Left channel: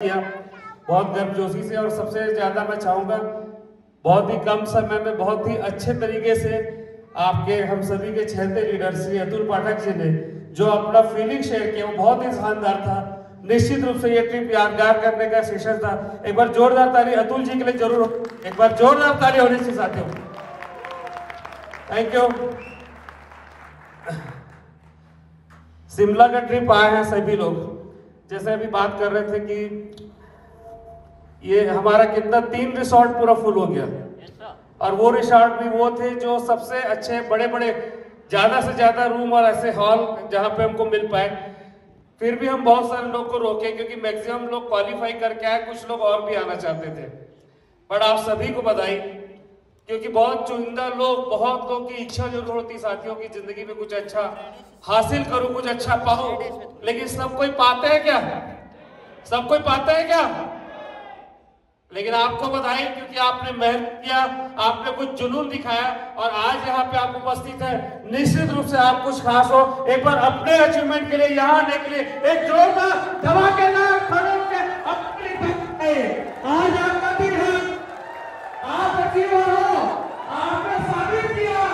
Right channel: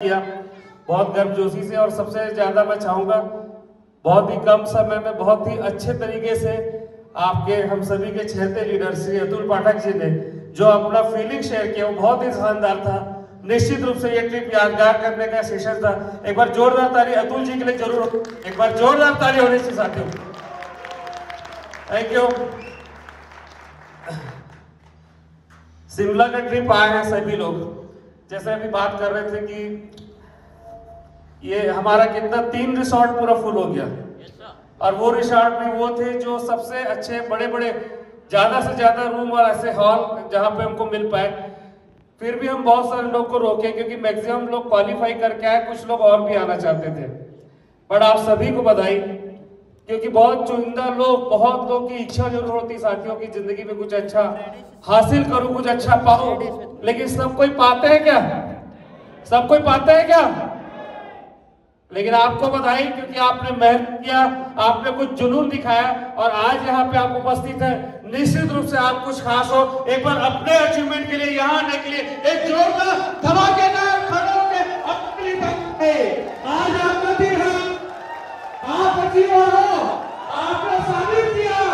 किया बहुत गर्मजोशी से। और सबसे ज्यादा मैं चाहूंगा बहुत ही कम समय में बहुत ही अच्छे तरीके से आपके हम सभी के चहेते लीडर श्री अतुल पाठक जी ने जो अपना फीलिंग शेयर किया वो बहुत ही शानदार था। निश्चित रूप से ये ट्रिप यादगार करने का सेशन था। एक बार जोरदार ताली अतुल जी के लिए जरूर, एक बार जोरदार ताली होनी चाहिए साथियों। Thank you. शिमला का ट्रिप आए हैं सभी लोग, जैसे अभी बात कर रहे थे कि ये हमारा कितना 3 रिसोर्ट पूरा फुल हो गया, और वो रिसोर्ट भी वो थे जो सबसे अच्छे बड़े बड़े ज्यादा से ज्यादा रूम और ऐसे हॉल जहां पे हमको मिल पाए। फिर भी हम बहुत सारे लोग को रोके क्योंकि मैक्सिमम लोग क्वालिफाई करके आए, कुछ लोग और भी आना चाहते थे। पर आप सभी को बधाई, क्योंकि बहुत चुनिंदा लोग, बहुत लोग की इच्छा जरूर होती साथियों की जिंदगी में कुछ अच्छा हासिल करूं, कुछ अच्छा पाऊं, लेकिन सब कोई पाते हैं क्या? सब कोई पाते हैं क्या? लेकिन आपको बधाई, क्योंकि आपने मेहनत किया, आपने कुछ जुनून दिखाया और आज यहाँ पे आप उपस्थित हैं। निश्चित रूप से आप कुछ खास हो। एक बार अपने अचीवमेंट के लिए, यहाँ आने के लिए एक जोरदार धमाकेदार खड़े होकर अपनी तरफ से आज आपका दिन है, आप अचीव हो, आपने साबित किया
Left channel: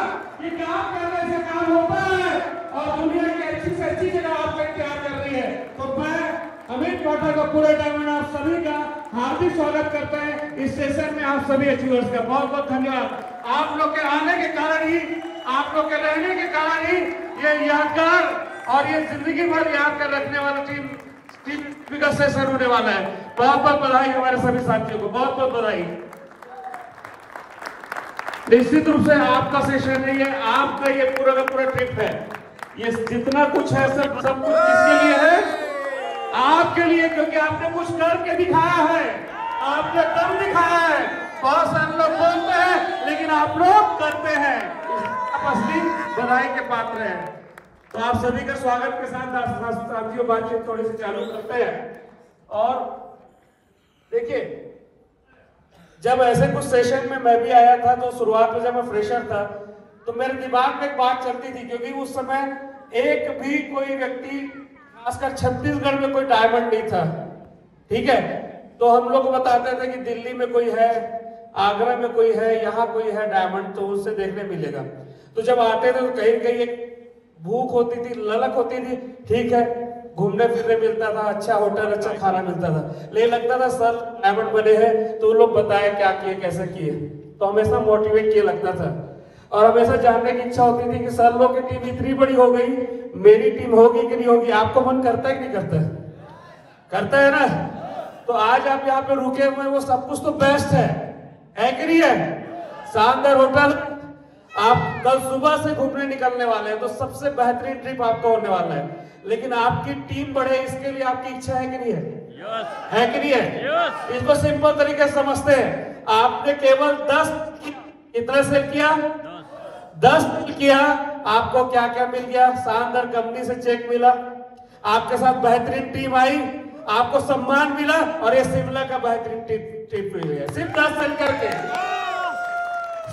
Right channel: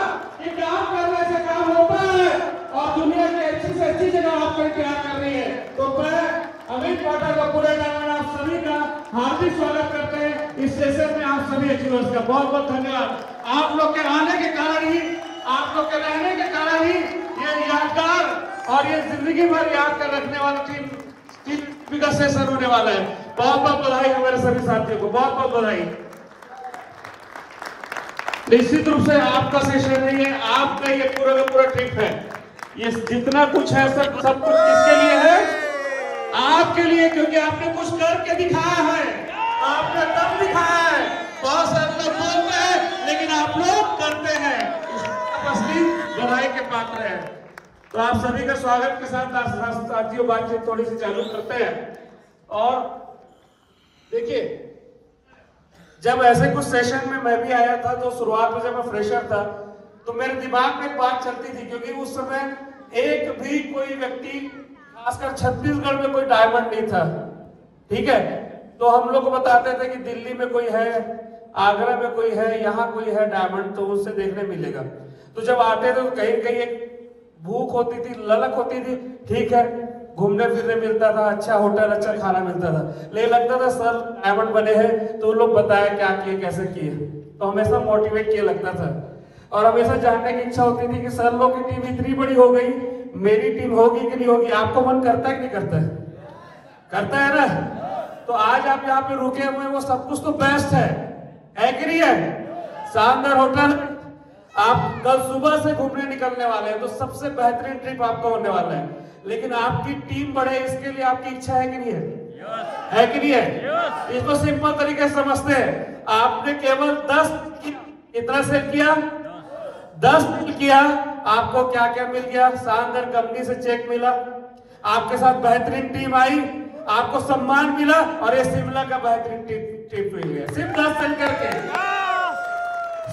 कि काम करने से काम होता है और दुनिया की अच्छी से अच्छी जगह आपको इंतजार कर रही है। तो मैं अमित पाठक का पूरे टाइम में आप सभी का हार्दिक स्वागत करते हैं इस सेशन में। आप सभी अचीवर्स का बहुत बहुत धन्यवाद। आप लोग के आने के कारण ही, आप लोग के रहने के कारण ही ये यादगार और ये जिंदगी भर याद कर रखने वाला टीम का सेशन होने वाला है। बहुत बहुत बधाई हमारे सभी साथियों को, बहुत बहुत बधाई। निश्चित रूप से आपका सेशन नहीं है, आपका ये पूरा का पूरा ट्रिप है। ये जितना कुछ है सब कुछ किसके लिए है? आपके लिए, क्योंकि आपने कुछ करके दिखाया है, आपने दम दिखाया है। बहुत सारे लोग बोलते हैं लेकिन आप लोग करते हैं, असली बधाई के पात्र हैं। तो आप सभी का स्वागत के साथ साथियों बातचीत थोड़ी सी चालू करते हैं। और देखिए, जब ऐसे कुछ सेशन में मैं भी आया था तो शुरुआत में जब मैं फ्रेशर था तो मेरे दिमाग में एक बात चलती थी, क्योंकि उस समय एक भी कोई व्यक्ति, खासकर छत्तीसगढ़ में कोई डायमंड नहीं था, ठीक है। तो हम लोग बताते थे कि दिल्ली में कोई है, आगरा में कोई है, यहाँ कोई है डायमंड, तो उससे देखने मिलेगा। तो जब आते थे तो कहीं कहीं एक भूख होती थी, ललक होती थी, ठीक है, घूमने फिरने मिलता था, अच्छा होटल, अच्छा खाना मिलता था, लेकिन लगता था सर डायमंड बने हैं तो लोग बताए क्या किए, कैसे किए। तो हमेशा मोटिवेट किया लगता था और हमेशा जानने की इच्छा होती थी कि सर लोग की टीम इतनी बड़ी हो गई, मेरी टीम होगी कि नहीं होगी। आपको मन करता है कि नहीं करता है? करता है ना? तो आज आप यहाँ पे रुके हुए, वो सब कुछ तो बेस्ट है कि नहीं है? शानदार होटल, आप कल सुबह से घूमने निकलने वाले हैं तो सबसे बेहतरीन ट्रिप आपको होने वाला है। लेकिन आपकी टीम बढ़े, इसके लिए आपकी इच्छा है कि नहीं है? है कि नहीं है? इसको सिंपल तरीके से समझते हैं। आपने केवल 10 कितना सेल किया? 10 किया, आपको क्या क्या मिल गया? शानदार कंपनी से चेक मिला, आपके साथ बेहतरीन टीम आई, आपको सम्मान मिला और ये शिमला का बेहतरीन ट्रिप मिल गया। सिर्फ 10 सेल करके,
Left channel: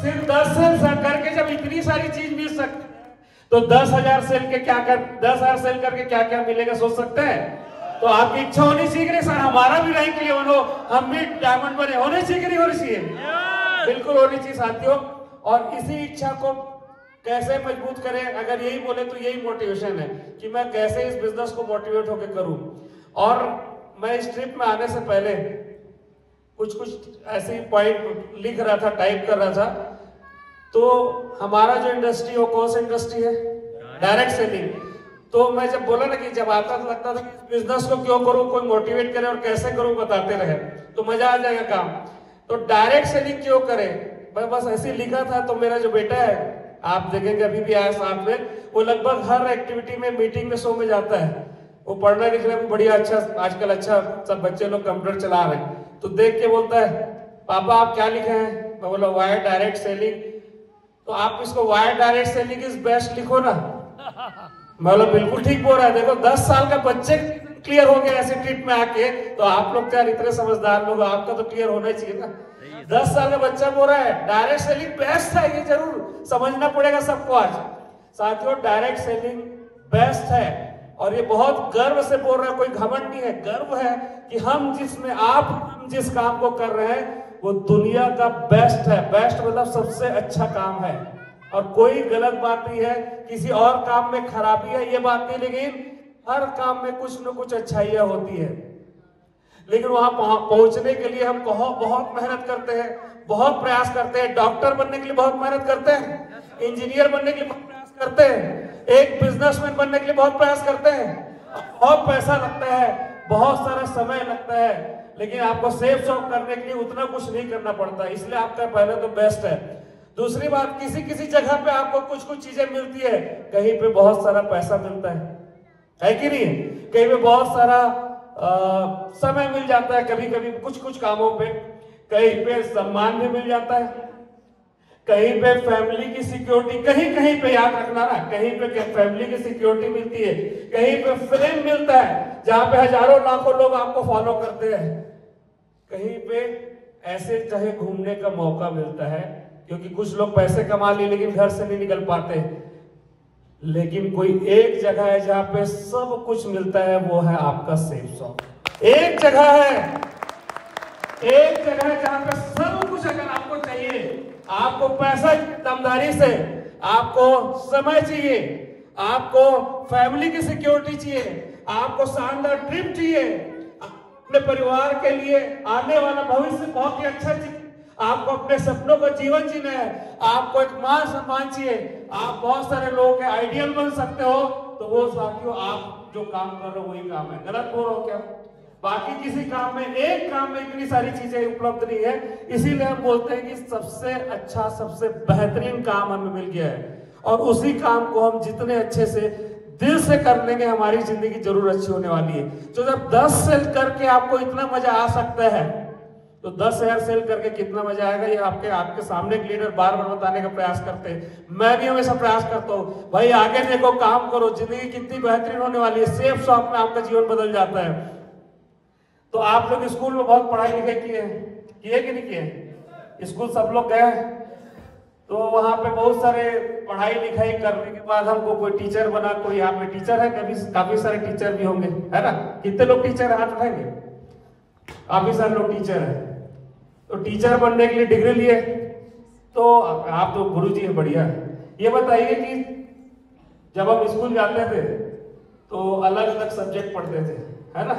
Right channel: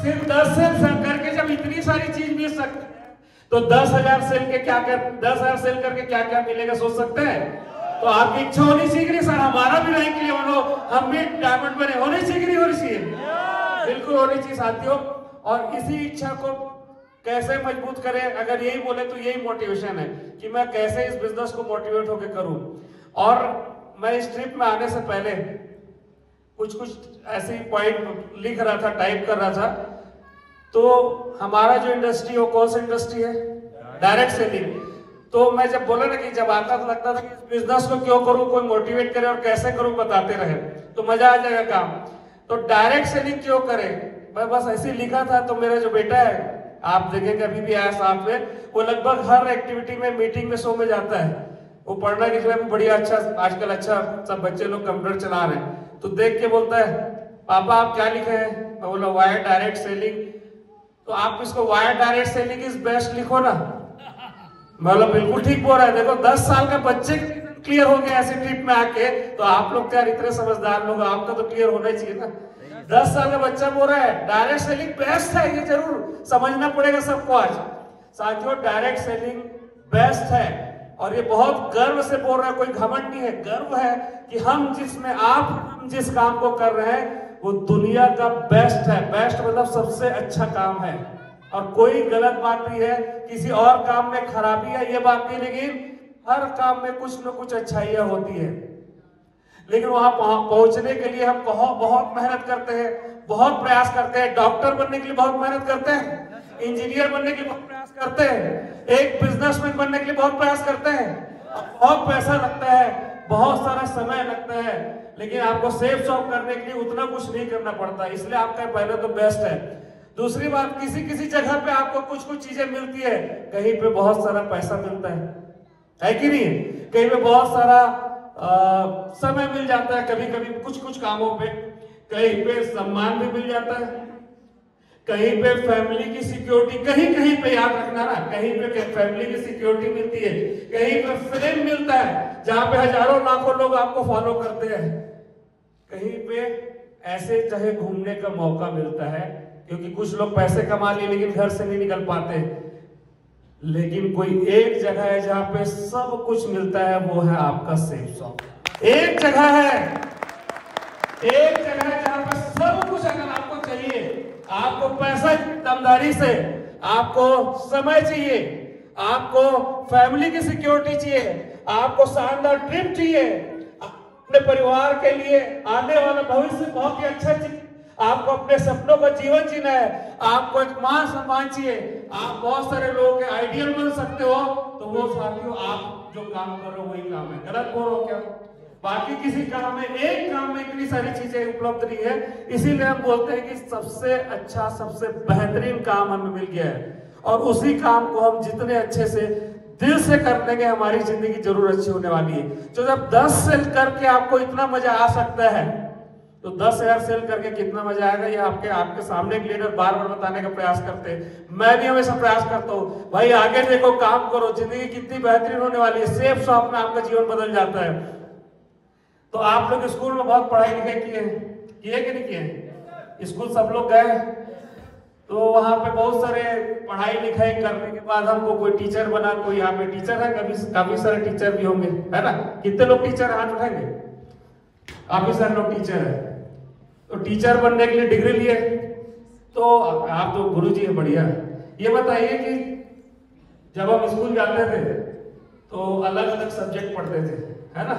सिर्फ 10 सेल करके जब इतनी सारी चीज मिल सकती है तो 10,000 सेल के क्या कर, 10,000 सेल करके क्या क्या मिलेगा सोच सकते हैं? तो आपकी इच्छा होनी चाहिए सर हमारा भी रैंक लिए हो, हम भी डायमंड बने, होनी चाहिए नहीं होनी चाहिए? बिल्कुल होनी चाहिए साथियों। और इसी इच्छा को कैसे मजबूत करें, अगर यही बोले तो यही मोटिवेशन है कि मैं कैसे इस बिजनेस को मोटिवेट होकर करूं। और मैं इस ट्रिप में आने से पहले कुछ ऐसी पॉइंट लिख रहा था, टाइप कर रहा था। तो हमारा जो इंडस्ट्री हो, कौन सा इंडस्ट्री है? Direct selling. तो मैं जब बोला ना कि जब आता तो लगता था कि इस बिजनेस को क्यों करूं, कोई मोटिवेट करे और कैसे करूं बताते रहे तो मजा आ जाएगा काम। तो डायरेक्ट सेलिंग क्यों करें, मैं बस ऐसे लिखा था। तो मेरा जो बेटा है, आप देखेंगे अभी भी आया साथ में, वो लगभग हर एक्टिविटी में, मीटिंग में, शो में जाता है। वो पढ़ने लिखने में बढ़िया अच्छा, आजकल अच्छा सब बच्चे लोग कंप्यूटर चला रहे हैं। तो देख के बोलता है पापा आप क्या लिखे हैं? मैं बोला वायर डायरेक्ट सेलिंग। तो आप इसको wire direct selling is best लिखो ना। मैं बोला बिल्कुल ठीक बोल रहा है। देखो 10 साल का बच्चे क्लियर हो गए ऐसे ट्रिप में आके, तो आप लोग क्या इतने समझदार लोग, आपका तो क्लियर होना ही चाहिए ना। 10 साल का बच्चा बोल रहा है डायरेक्ट सेलिंग बेस्ट है, ये जरूर समझना पड़ेगा सबको। आज साथियों डायरेक्ट सेलिंग बेस्ट है और ये बहुत गर्व से बोल रहा है, कोई घमंड नहीं है, गर्व है कि हम जिस काम को कर रहे हैं वो दुनिया का बेस्ट है। बेस्ट मतलब सबसे अच्छा काम है, और कोई गलत बात नहीं है, किसी और काम में खराबी है ये बात नहीं, लेकिन हर काम में कुछ न कुछ अच्छाइयां होती है। लेकिन वहां पहुंचने के लिए हम बहुत मेहनत करते हैं, बहुत प्रयास करते हैं। डॉक्टर बनने के लिए बहुत मेहनत करते हैं, इंजीनियर बनने के लिए बहुत प्रयास करते हैं, एक बिजनेसमैन बनने के लिए बहुत प्रयास करते हैं, बहुत पैसा लगता है, बहुत सारा समय लगता है, लेकिन आपको सेफ शॉप करने के लिए उतना कुछ नहीं करना पड़ता। इसलिए आपका पहले तो बेस्ट है। दूसरी बात, किसी जगह पे आपको कुछ चीजें मिलती है, कहीं पे बहुत सारा पैसा मिलता है कि नहीं? कहीं पे बहुत सारा समय मिल जाता है, कभी कुछ कामों पे, कहीं पे सम्मान भी मिल जाता है, कहीं पे फैमिली की सिक्योरिटी, कहीं पे याद रखना ना, कहीं पे फैमिली की सिक्योरिटी मिलती है, कहीं पे फेम मिलता है जहां पे हजारों लाखों लोग आपको फॉलो करते हैं, कहीं पे ऐसे जगह घूमने का मौका मिलता है, क्योंकि कुछ लोग पैसे कमा लिए लेकिन घर से नहीं निकल पाते। लेकिन कोई एक जगह है जहां पे सब कुछ मिलता है, वो है आपका सेफ शॉप। एक जगह है जहां पे सब कुछ अगर आपको चाहिए, आपको पैसा दमदारी से, आपको समय चाहिए, आपको फैमिली की सिक्योरिटी चाहिए, आपको शानदार ट्रिप चाहिए, अपने परिवार के लिए आने वाला भविष्य बहुत ही अच्छा चाहिए, आपको अपने सपनों का जीवन जीना है, आपको एक मान सम्मान चाहिए, आप बहुत सारे लोगों के आइडियल बन सकते हो, तो वो साथियों आप जो काम कर रहे हो वही काम है। गलत बोल रहे हो क्या? बाकी किसी काम में, एक काम में इतनी सारी चीजें उपलब्ध नहीं है, इसीलिए हम बोलते हैं कि सबसे अच्छा, सबसे बेहतरीन काम हमें मिल गया है, और उसी काम को हम जितने अच्छे से दिल से कर लेंगे, हमारी जिंदगी जरूर अच्छी होने वाली है। तो जब 10 सेल करके आपको इतना मजा आ सकता है, तो 10,000 सेल करके कितना मजा आएगा, ये आपके सामने एक लीडर बार बार बताने का प्रयास करते हैं। मैं भी हमेशा प्रयास करता हूँ, भाई आगे देखो, काम करो, जिंदगी कितनी बेहतरीन होने वाली है। सेफ शॉप में आपका जीवन बदल जाता है। तो आप लोग स्कूल में बहुत पढ़ाई लिखाई किए कि नहीं किए? स्कूल सब लोग गए, तो वहां पे बहुत सारे पढ़ाई लिखाई करने के बाद हमको कोई टीचर बना, कोई यहाँ पे टीचर है, काफी सारे टीचर भी होंगे, है ना? कितने लोग टीचर हाथ उठाएंगे? काफी सारे लोग टीचर है। तो टीचर बनने के लिए डिग्री लिए, तो आप तो गुरुजी है, बढ़िया। ये बताइए कि जब हम स्कूल जाते थे तो अलग अलग सब्जेक्ट पढ़ते थे, है ना?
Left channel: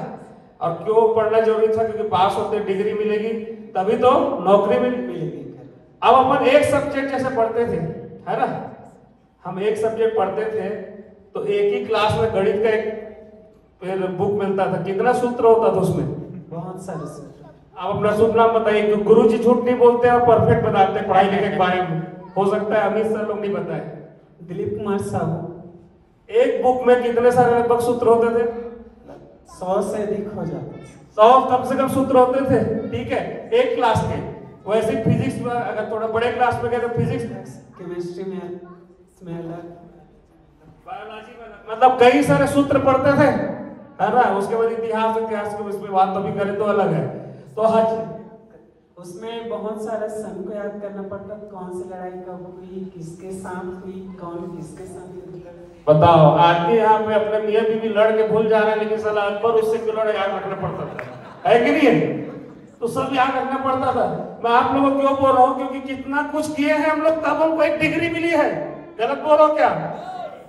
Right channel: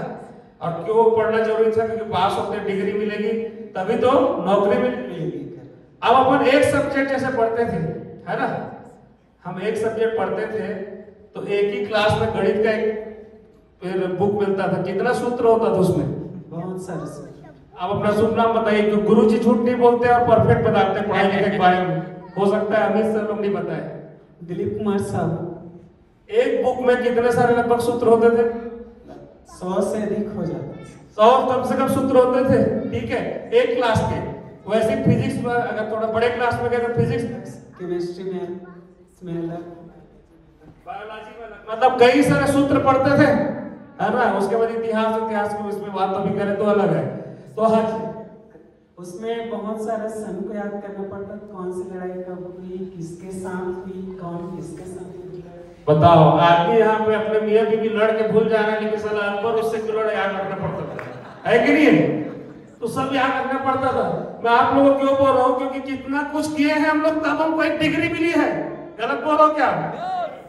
और क्यों पढ़ना जरूरी था? क्योंकि पास होते डिग्री मिलेगी, तभी तो नौकरी मिलेगी। अब अपन एक सब्जेक्ट जैसे पढ़ते थे, है ना? हम एक सब्जेक्ट पढ़ते थे तो एक ही क्लास में गणित का एक बुक मिलता था। कितना सूत्र होता था उसमें? बहुत सारे। आप अपना शुभ नाम बताइए। गुरु जी झूठ नहीं बोलते, आप परफेक्ट बताते हैं पढ़ाई लिखाई के बारे में। हो सकता है अमित सर लोग नहीं बताए। दिलीप कुमार साहब। एक बुक में कितने सारे लगभग सूत्र होते थे? 100 से अधिक हो जाते। 100 कम से कम सूत्र होते थे, ठीक है, एक क्लास के। वैसे फिजिक्स में अगर थोड़ा बड़े क्लास में गए तो फिजिक्स, केमिस्ट्री में, बायोलॉजी में, मतलब कई सारे सूत्र पढ़ते थे, है ना? उसके बाद इतिहास में उसमें बात अभी करें तो अलग है। तो हर उसमें बहुत सारे सन को याद करना पड़ता, कौन सी लड़ाई कब हुई, किसके साथ हुई, कौन किसके साथ। बताओ, आदमी यहाँ पे अपने मियां बीवी लड़ के भूल जाने, लेकिन साला अकबर उससे करोड़ याद रखना पड़ता था, है कि नहीं? तो सब याद रखना पड़ता था। मैं आप लोगों को क्यों बोल रहा हूँ? क्योंकि कितना कुछ किए हैं हम लोग, तब हमको एक डिग्री मिली है। गलत बोल रहा हूँ क्या?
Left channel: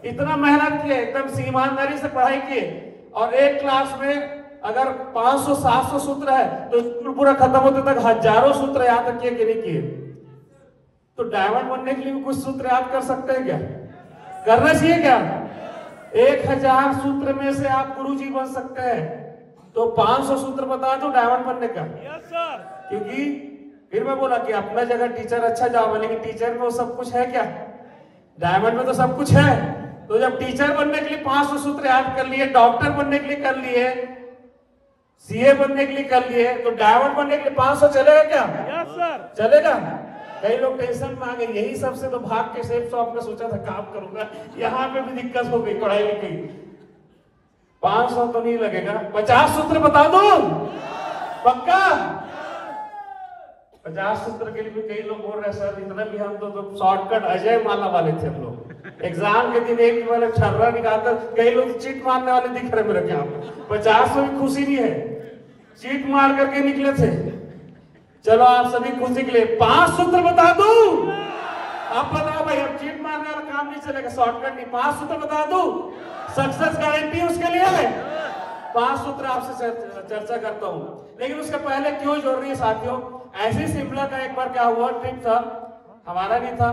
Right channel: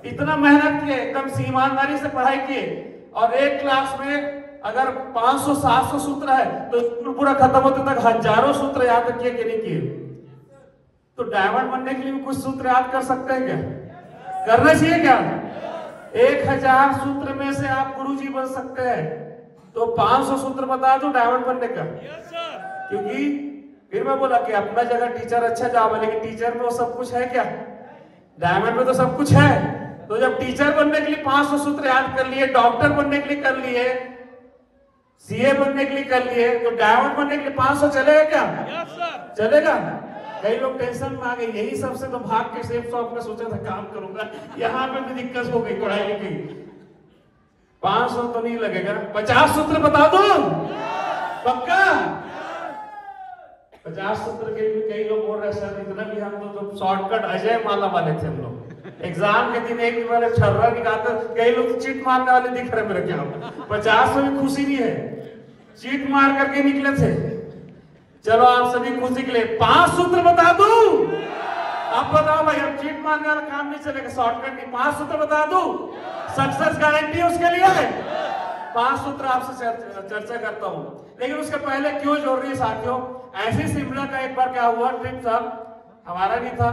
इतना मेहनत किए, एकदम ईमानदारी से पढ़ाई किए, और एक क्लास में अगर 500-700 सूत्र है तो पूरा खत्म होते तक हजारों सूत्र याद किए कि नहीं किए? तो डायमंड बनने के लिए भी कुछ सूत्र याद कर सकते हैं क्या? करना चाहिए क्या? 1000 सूत्र में से आप गुरुजी बन सकते हैं, तो 500 सूत्र बता दो डायमंड बनने का। क्योंकि फिर मैं बोला कि अपना जगह टीचर अच्छा जॉब है, लेकिन टीचर में वो सब कुछ है क्या? डायमंड में तो सब कुछ है। तो जब टीचर बनने के लिए 500 सूत्र याद कर लिए, डॉक्टर बनने के लिए कर लिए, सीए बनने के लिए कर लिए, तो डायमंड बनने के लिए 500 चलेगा क्या? चलेगा? कई लोग टेंशन में आ गए, यही सबसे तो भाग के सेफ शॉप में सोचा था काम करूंगा, यहाँ पे भी दिक्कत हो गई पढ़ाई की। 500 तो नहीं लगेगा, 50 सूत्र बता दो पक्का? 50 सूत्र के लिए कई लोग बोल रहे सर इतना भी हम तो शॉर्टकट अजय माला वाले थे हम लोग। एग्जाम के दिन एक भी मैंने छर्रा निकालकर, कई लोग चिट मारने वाले दिख रहे मेरे क्या। 50 में भी खुशी नहीं है, चीट मार करके निकले थे। चलो आप सभी खुशी के लिए 5 सूत्र बता दूं। आप बताओ भाई, अब चीट मारने वाला काम नहीं चलेगा, शॉर्टकट की 5 सूत्र बता दूं, सक्सेस गारंटी उसके लिए। 5 सूत्र आपसे चर्चा करता हूं, लेकिन उसके पहले क्यों जरूरी है साथियों, ऐसे शिमला का एक बार क्या हुआ, ट्रिप था, हमारा नहीं था,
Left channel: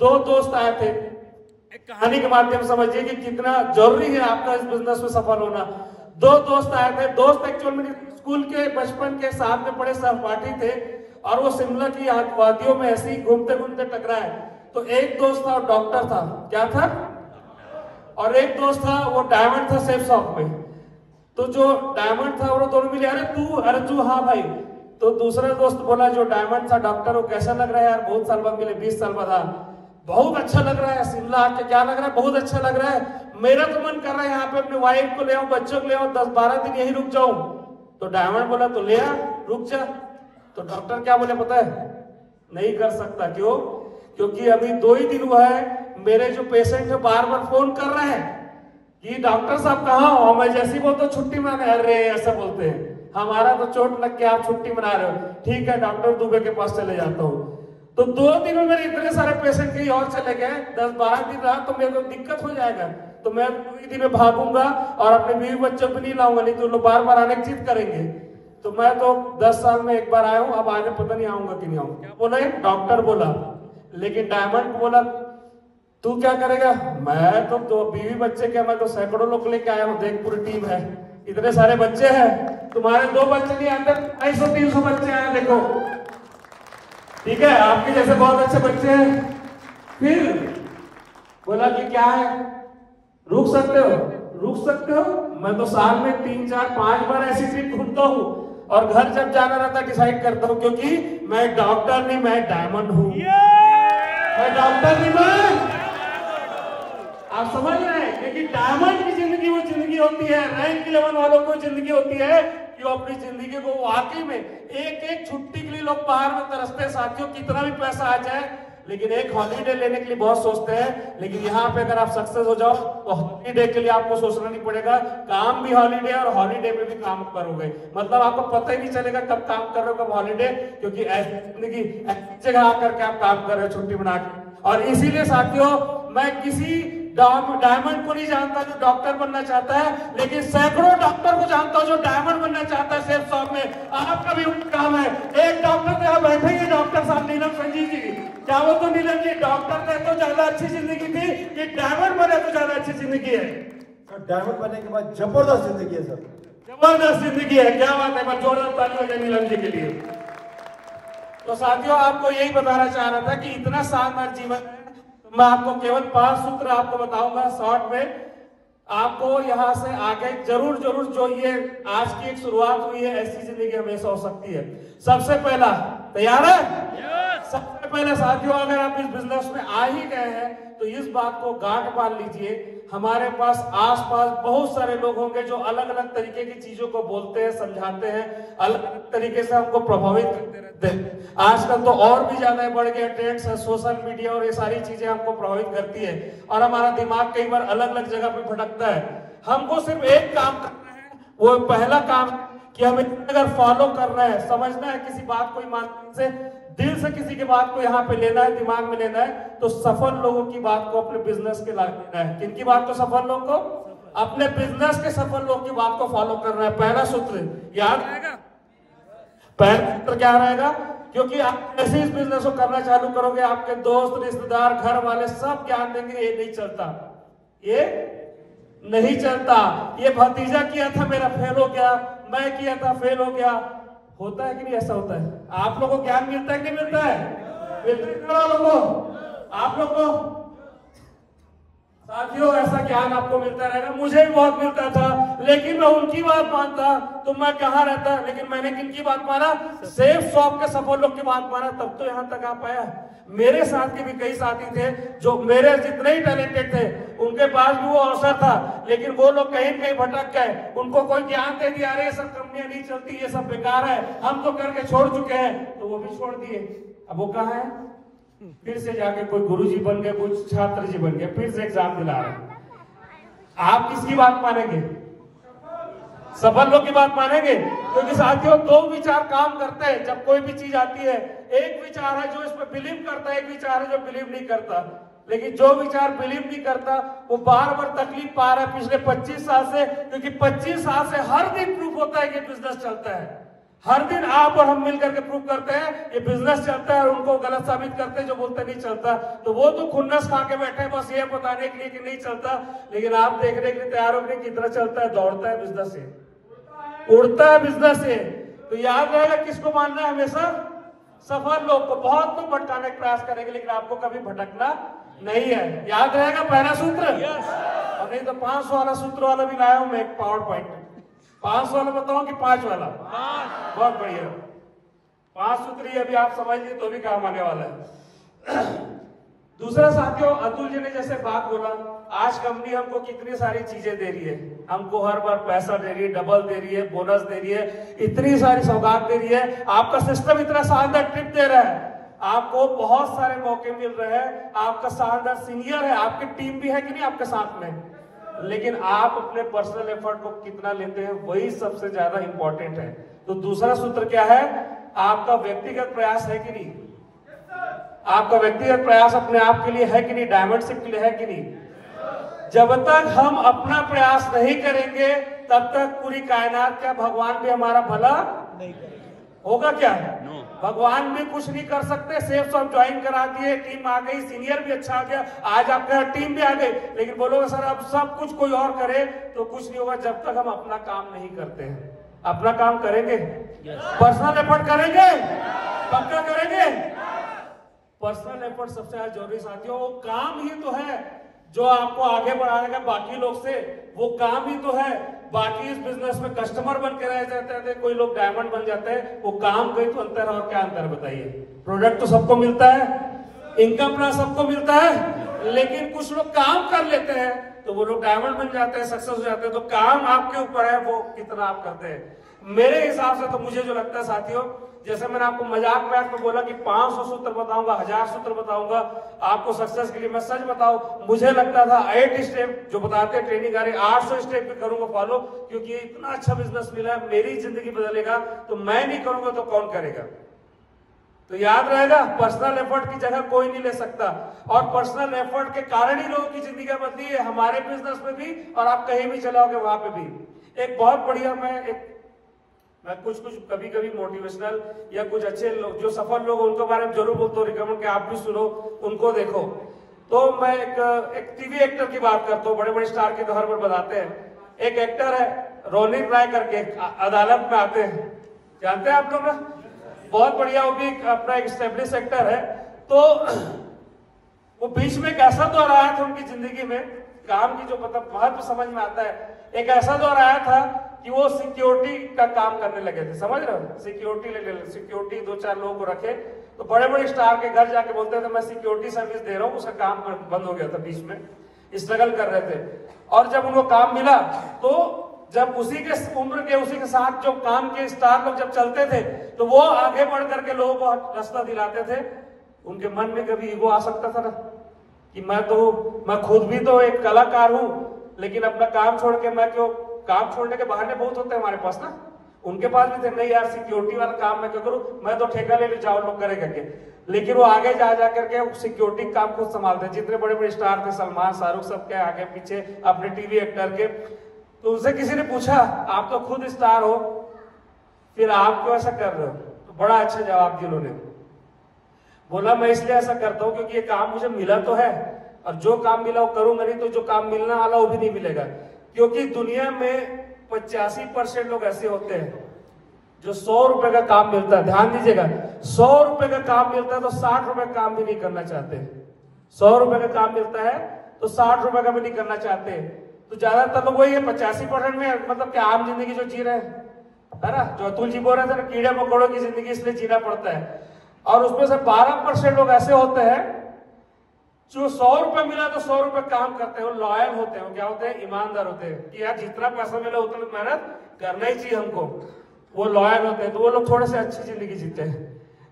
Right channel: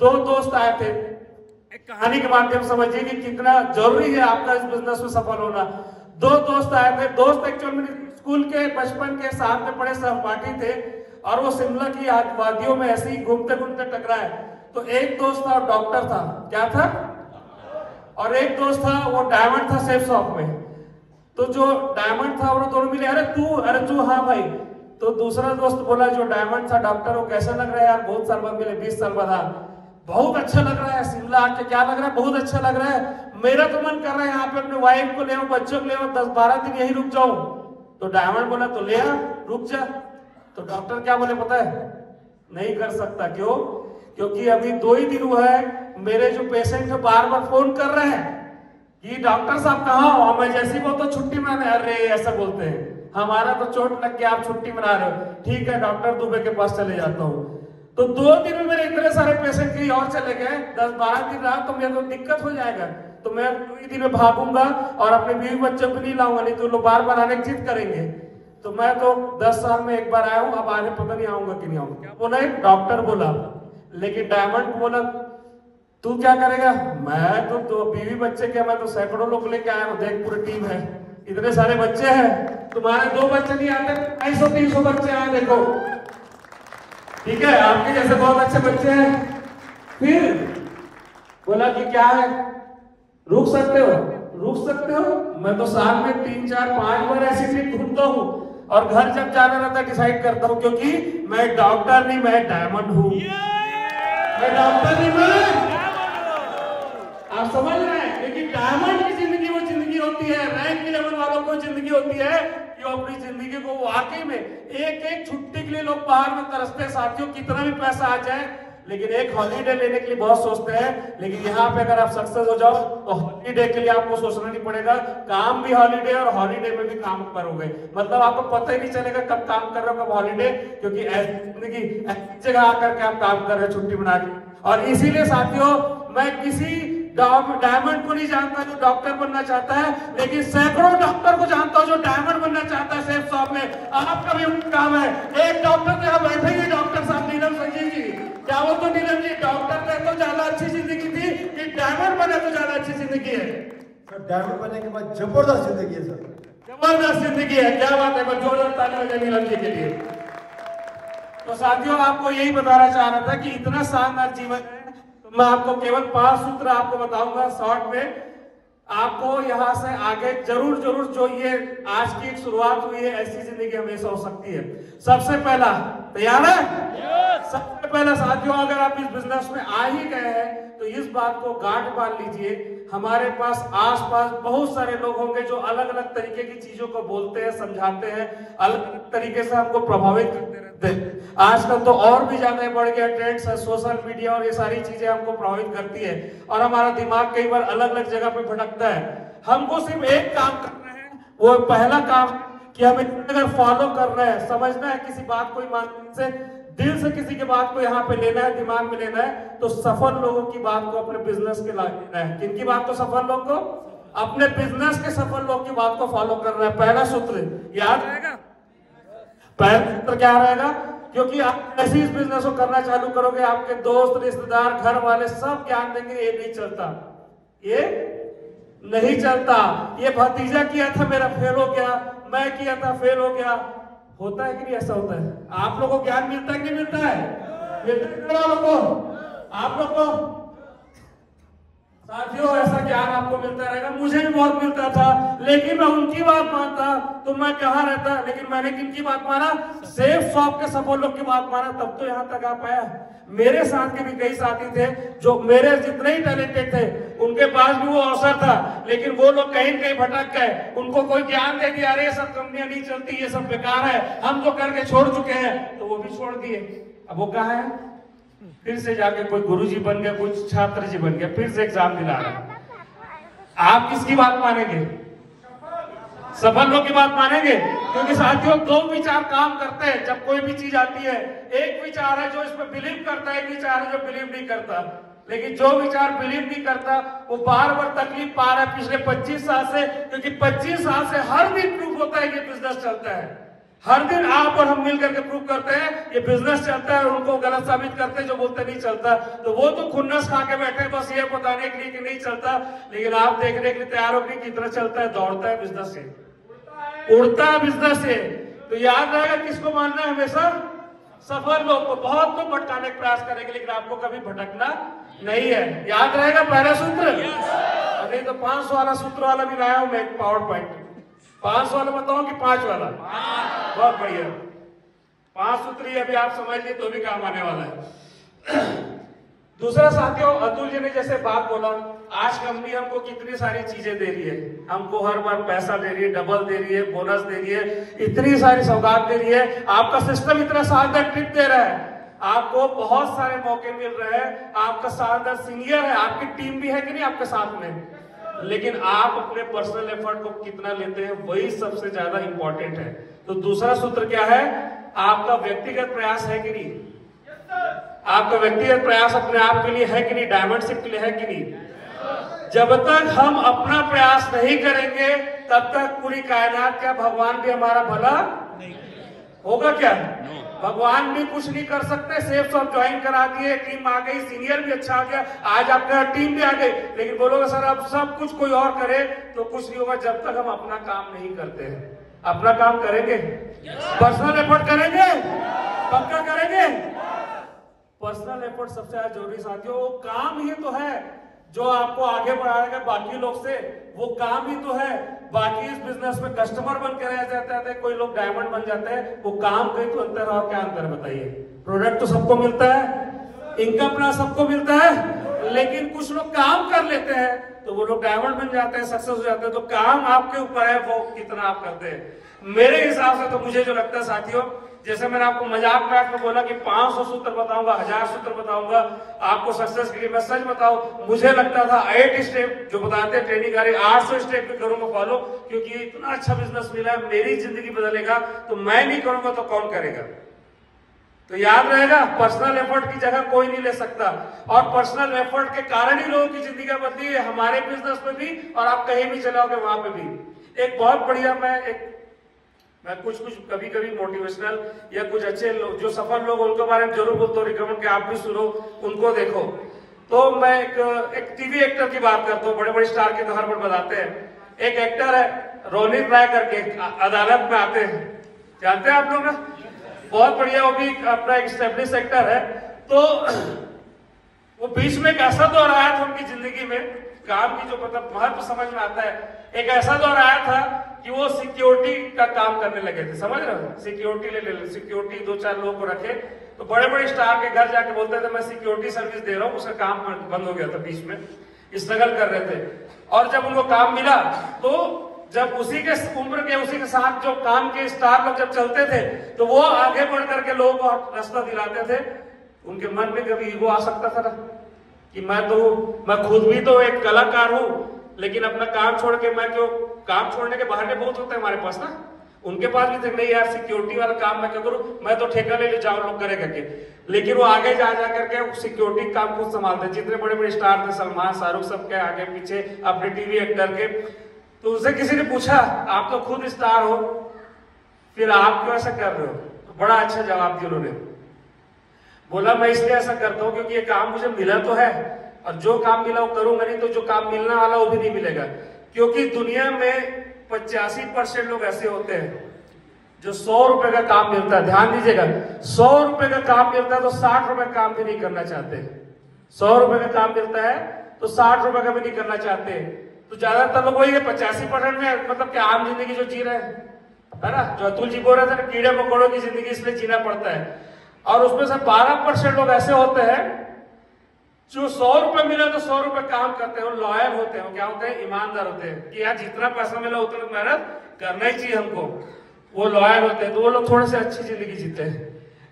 2 दोस्त आए थे। एक कहानी के माध्यम समझिए कि कितना जरूरी है आपका इस बिजनेस में सफल होना। 2 दोस्त आए थे। दोस्त एक्चुअली मेरे स्कूल के बचपन के साथ में पढ़े सहपाठी थे, और वो शिमला की वादियों में ऐसे ही घूमते घूमते टकराए। तो एक दोस्त था डॉक्टर था, क्या था, और एक दोस्त था वो डायमंड था सेफ शॉप में। तो जो डायमंड था वो दोनों मिले, अरे तू, हाँ भाई। तो दूसरा दोस्त बोला जो डायमंड था डॉक्टर, वो कैसा लग रहा है यार, बहुत साल बाद मिले, 20 साल बाद। बहुत अच्छा लग रहा है, शिमला आके क्या लग रहा है, बहुत अच्छा लग रहा है, मेरा तो मन कर रहा है यहाँ पे अपने वाइफ को ले आऊं, बच्चों को ले आऊं, 10-12 दिन यही रुक जाऊं। तो डायमंड बोला तो ले आ, रुक जा। तो डॉक्टर क्या बोले पता है, नहीं कर सकता। क्यों? क्योंकि अभी 2 ही दिन हुआ है, मेरे जो पेशेंट है बार बार फोन कर रहे हैं कि डॉक्टर साहब कहाँ हो, मैं जैसी बोलता छुट्टी माने, अरे ऐसा बोलते हैं, हमारा तो चोट लग के आप छुट्टी मना रहे हो, ठीक है डॉक्टर दुबे के पास चले जाता हूँ। तो 2 दिन में मेरे इतने सारे पेशेंट कहीं और चले गए, 10-12 दिन रहा तो मेरे को दिक्कत हो जाएगा। तो मैं 2 ही दिन में भागूंगा और अपने बीवी बच्चों को नहीं लाऊंगा, नहीं तो लोग बार बार आने की जिद करेंगे। तो मैं तो 10 साल में एक बार आया हूँ, अब आगे पता नहीं आऊंगा कि नहीं आऊंगा। क्या बोला है डॉक्टर बोला, लेकिन डायमंड बोला तू क्या करेगा, मैं तो बीवी बच्चे के, मैं तो सैकड़ों लोग लेके आया हूँ, देख पूरी टीम है, इतने सारे बच्चे हैं, तुम्हारे 2 बच्चे नहीं आते, 250-300 बच्चे आए देखो, ठीक है, आपके जैसे बहुत अच्छे बच्चे हैं। फिर बोला कि क्या है, रुक सकते हो, रुक सकते हो। मैं तो साल में 3-4-5 बार ऐसी ट्रिप घूमता हूँ, और घर जब जाना रहता है डिसाइड करता हूँ, क्योंकि मैं डॉक्टर नहीं, मैं डायमंड हूँ। मैं डॉक्टर नहीं, मैं, आप समझ रहे हैं, क्योंकि डायमंड की जिंदगी वो जिंदगी होती है, रैंक लेवल वालों को जिंदगी होती है कि वो अपनी जिंदगी को वाकई में एक छुट्टी के लिए लोग बाहर में तरसते हैं साथियों, कितना भी पैसा आ जाए, लेकिन एक हॉलीडे लेने के लिए बहुत सोचते हैं। लेकिन यहाँ पे अगर आप सक्सेस हो जाओ तो हॉलीडे के लिए आपको सोचना नहीं पड़ेगा, काम भी हॉलीडे और हॉलीडे में भी काम करोगे, मतलब आपको पता ही नहीं चलेगा कब काम कर रहे हो, कब हॉलीडे, क्योंकि ऐसी जिंदगी जगह आकर के आप काम कर रहे हो छुट्टी बना के। और इसीलिए साथियों मैं किसी डायमंड को नहीं जानता जो डॉक्टर बनना चाहता है, लेकिन सैकड़ों डॉक्टर को जानता हूं जो डायमंड बनना चाहता है सेफ शॉप में। आपका भी काम है, एक डॉक्टर यहाँ बैठेंगे, डॉक्टर साहब नीलम संजीव जी, क्या वो तो नीलम जी डॉक्टर ने तो ज्यादा अच्छी जिंदगी थी कि डायमंड बने तो ज्यादा अच्छी जिंदगी है? डायमंड बनने के बाद जबरदस्त जिंदगी है सर, जबरदस्त जिंदगी है, क्या बात है, मैं जोरदार ताली बजाएंगे नीलम जी के लिए। तो साथियों आपको यही बताना चाह रहा था कि इतना शानदार जीवन है, मैं आपको केवल 5 सूत्र आपको बताऊंगा शॉर्ट में, आपको यहां से आगे जरूर जो ये आज की एक शुरुआत हुई है, ऐसी जिंदगी हमेशा हो सकती है। सबसे पहला, तैयार है? सबसे पहला साथियों, अगर आप इस बिजनेस में आ ही गए हैं तो इस बात को गांठ बांध लीजिए, हमारे पास आसपास बहुत सारे लोग होंगे जो अलग अलग तरीके की चीजों को बोलते हैं, समझाते हैं, अलग अलग तरीके से हमको प्रभावित करते रहते हैं। आजकल तो और भी ज्यादा बढ़ गया ट्रेंड्स है, सोशल मीडिया और ये सारी चीजें हमको प्रभावित करती है, और हमारा दिमाग कई बार अलग अलग जगह पे भटकता है। हमको सिर्फ एक काम करना है, वो पहला काम कि हमें अगर फॉलो करना है, समझना है किसी बात को ईमान से, दिल से किसी की बात को यहाँ पे लेना है, दिमाग में लेना है, तो सफल लोगों की बात को अपने बिजनेस के लायक लेना है। किनकी बात को? सफल लोग को, अपने बिजनेस के सफल लोग की बात को फॉलो करना है। पहला सूत्र याद रहेगा, पहला सूत्र क्या रहेगा? क्योंकि आप ऐसे इस बिजनेस को करना चालू करोगे, आपके दोस्त, रिश्तेदार, घर वाले सब ज्ञान देंगे ये नहीं चलता, ये नहीं चलता, ये भतीजा किया था मेरा फेल हो गया, मैं किया था फेल हो गया। होता है कि नहीं? ऐसा होता है। आप लोगों को ज्ञान मिलता है कि नहीं मिलता है? आप लोग को साथियों ऐसा ज्ञान आपको मिलता रहेगा, मुझे भी बहुत मिलता था, लेकिन मैं उनकी बात मानता तो मैं कहाँ रहता। लेकिन मैंने किनकी बात माना? सेफ शॉप के सफल लोग की बात माना, तब तो यहाँ तक आ पाया। मेरे साथ के भी कई साथी थे जो मेरे जितने ही टैलेंटेड थे, उनके पास भी वो अवसर था, लेकिन वो लोग कहीं कहीं भटक गए, उनको कोई ज्ञान दे दिया, अरे ये सब कंपनियां नहीं चलती, ये सब बेकार है, हम तो करके छोड़ चुके हैं, तो वो भी छोड़ दिए। अब वो कहाँ है? फिर से जाके कोई गुरुजी बन गया, कोई छात्र जी बन गया, फिर से एग्जाम दिला रहा है। आप किसकी बात मानेंगे? सफल लोग की बात मानेंगे? क्योंकि साथियों दो विचार काम करते हैं जब कोई भी चीज आती है। एक विचार है जो इसमें बिलीव करता है, एक विचार है जो बिलीव नहीं करता। लेकिन जो विचार बिलीव नहीं करता वो बार बार तकलीफ पा रहा है पिछले 25 साल से, क्योंकि 25 साल से हर दिन प्रूफ होता है कि बिजनेस चलता है। हर दिन आप और हम मिलकर के प्रूव करते हैं ये बिजनेस चलता है, उनको गलत साबित करते हैं जो बोलते नहीं चलता। तो वो तो खुन्नस खा के बैठे बस ये बताने के लिए कि नहीं चलता, लेकिन आप देखने के लिए तैयार हो कि कितना चलता है, दौड़ता है बिजनेस से, उड़ता है बिजनेस से। तो याद रहेगा किसको मानना है हमेशा? सफल लोग को। बहुत लोग भटकाने का प्रयास करेंगे लेकिन आपको कभी भटकना नहीं है। याद रहेगा पहला सूत्र। अभी तो 500 वाला सूत्र वाला भी लाया हूं मैं, एक पावर पॉइंट। 500 वाला बताऊं कि 5 वाला? बहुत बढ़िया। 5 सूत्र ही अभी आप समझ लिए तो भी काम आने वाला है। दूसरा साथियों, अतुल जी ने जैसे बात बोला, आज कंपनी हमको कितनी सारी चीजें दे रही है, हमको हर बार पैसा दे रही है, डबल दे रही है, बोनस दे रही है, इतनी सारी सौगात दे रही है। आपका सिस्टम इतना शानदार ट्रिप दे रहा है, आपको बहुत सारे मौके मिल रहे हैं, आपका शानदार सीनियर है, आपकी टीम भी है कि नहीं आपके साथ में, लेकिन आप अपने पर्सनल एफर्ट को कितना लेते हैं वही सबसे ज्यादा इंपॉर्टेंट है। तो दूसरा सूत्र क्या है? आपका व्यक्तिगत प्रयास है कि नहीं? आपका व्यक्तिगत प्रयास अपने आप के लिए है कि नहीं? डायमंडशिप के लिए है कि नहीं? जब तक हम अपना प्रयास नहीं करेंगे तब तक पूरी कायनात का भगवान भी हमारा भला नहीं होगा क्या? भगवान भी कुछ नहीं कर सकते। सेफ सब ज्वाइन करा दिए, टीम आ गई, सीनियर भी अच्छा आ गया, आज आपका टीम भी आ गई, लेकिन बोलोगे सर अब सब कुछ कोई और करे तो कुछ नहीं होगा जब तक हम अपना काम नहीं करते हैं। अपना काम करेंगे, पर्सनल एफर्ट करेंगे, पक्का करेंगे। पर्सनल एफर्ट सबसे ज्यादा जरूरी साथियों। वो काम ही तो है जो आपको आगे बढ़ाएगा बाकी लोग से, वो काम ही तो है। बाकी इस बिजनेस में कस्टमर बन के रह जाते हैं, कोई लोग डायमंड बन जाते हैं, वो काम गए तो अंतर और क्या अंतर बताइए? प्रोडक्ट तो सबको मिलता है, इनकम अपना सबको मिलता है, लेकिन कुछ लोग काम कर लेते हैं तो वो लोग डायमंड बन जाते हैं, सक्सेस हो जाते हैं। तो काम आपके ऊपर है, वो कितना आप करते हैं। मेरे हिसाब से तो मुझे जो लगता है साथियों, जैसे मैंने आपको मजाक में बोला कि 500 सूत्र बताऊंगा, 1000 सूत्र बताऊंगा आपको सक्सेस के लिए, मैं सच बताऊं मुझे लगता था 8 स्टेप जो बताते हैं ट्रेनिंग करे, 800 स्टेप भी करूंगा फॉलो, क्योंकि इतना अच्छा बिजनेस मिला है, मेरी जिंदगी बदलेगा। तो मैं नहीं करूंगा तो कौन करेगा? तो याद रहेगा, पर्सनल एफर्ट की जगह कोई नहीं ले सकता, और पर्सनल एफर्ट के कारण ही लोगों की जिंदगी बदली है, हमारे बिजनेस में भी और आप कहीं भी चलाओगे वहां पे भी। एक बहुत बढ़िया मैं कुछ कभी कभी मोटिवेशनल या कुछ अच्छे लोग जो सफल लोग उनके बारे में जरूर बोलता हूँ, रिकमेंड कि आप भी सुनो, उनको देखो। तो मैं एक टीवी एक्टर की बात करता हूँ, बड़े बड़े स्टार के तौर पर बताते हैं। एक एक्टर है रोनित राय करके, अदालत में आते हैं, जानते हैं आप लोग? बहुत बढ़िया, वो भी अपना एक स्टेब्लिश एक्टर है। तो वो बीच में एक ऐसा दौर आया था उनकी जिंदगी में, काम की जो मतलब महत्व समझ में आता है। एक ऐसा दौर आया था कि वो सिक्योरिटी का काम करने लगे थे, समझ रहे हो? सिक्योरिटी 2-4 लोगों को रखे, तो बड़े बड़े स्टार के घर जाके बोलते थे मैं सिक्योरिटी सर्विस दे रहा हूँ। उसका काम बंद हो गया था, बीच में स्ट्रगल कर रहे थे। और जब उनको काम मिला तो जब उसी के उम्र के उसी के साथ जो काम के स्टार लोग जब चलते थे तो वो आगे बढ़ करके लोगों को रास्ता दिलाते थे। उनके मन में कभी ईगो आ सकता था ना कि मैं खुद भी तो एक कलाकार हूं, लेकिन अपना काम छोड़ के मैं क्यों? काम छोड़ने के बहाने बहुत होते हैं हमारे पास ना, उनके पास भी थे, नहीं यार सिक्योरिटी वाला काम मैं क्या करूं, मैं तो ठेका ले जाओ लोग करे करके। लेकिन वो आगे जा करके सिक्योरिटी काम खुद संभालते। जितने बड़े बड़े स्टार थे, सलमान, शाहरुख, सबके आगे पीछे अपने टीवी एक्टर के। तो उनसे किसी ने पूछा आप तो खुद स्टार हो, फिर आप क्यों ऐसा कर रहे हो? तो बड़ा अच्छा जवाब दिया उन्होंने। बोला मैं इसलिए ऐसा करता हूँ क्योंकि ये काम मुझे मिला तो है, और जो काम मिला वो करूंगा, नहीं तो जो काम मिलना वाला वो भी नहीं मिलेगा। क्योंकि दुनिया में 85% लोग ऐसे होते हैं जो 100 रुपए का काम मिलता है, ध्यान दीजिएगा, 100 रुपए का काम मिलता है तो 60 रुपए काम भी नहीं करना चाहते। 100 रुपए का काम मिलता है तो 60 रुपए का भी नहीं करना चाहते। तो ज्यादातर लोग वही है 85% में, मतलब कि आम जिंदगी जो जी रहे है ना, जो अतुल जी बोल रहे थे ना, कीड़े मकोड़ों की जिंदगी इसलिए जीना पड़ता है। और उसमें से 12% लोग ऐसे होते हैं जो 100 रुपए मिला तो 100 रुपए काम करते हैं, वो लॉयल होते हैं, वो क्या होते हैं? ईमानदार होते हैं कि यार जितना पैसा मिला उतना मेहनत करना ही चाहिए हमको, वो लॉयल होते हैं। तो वो लोग थोड़े से अच्छी जिंदगी जीते हैं।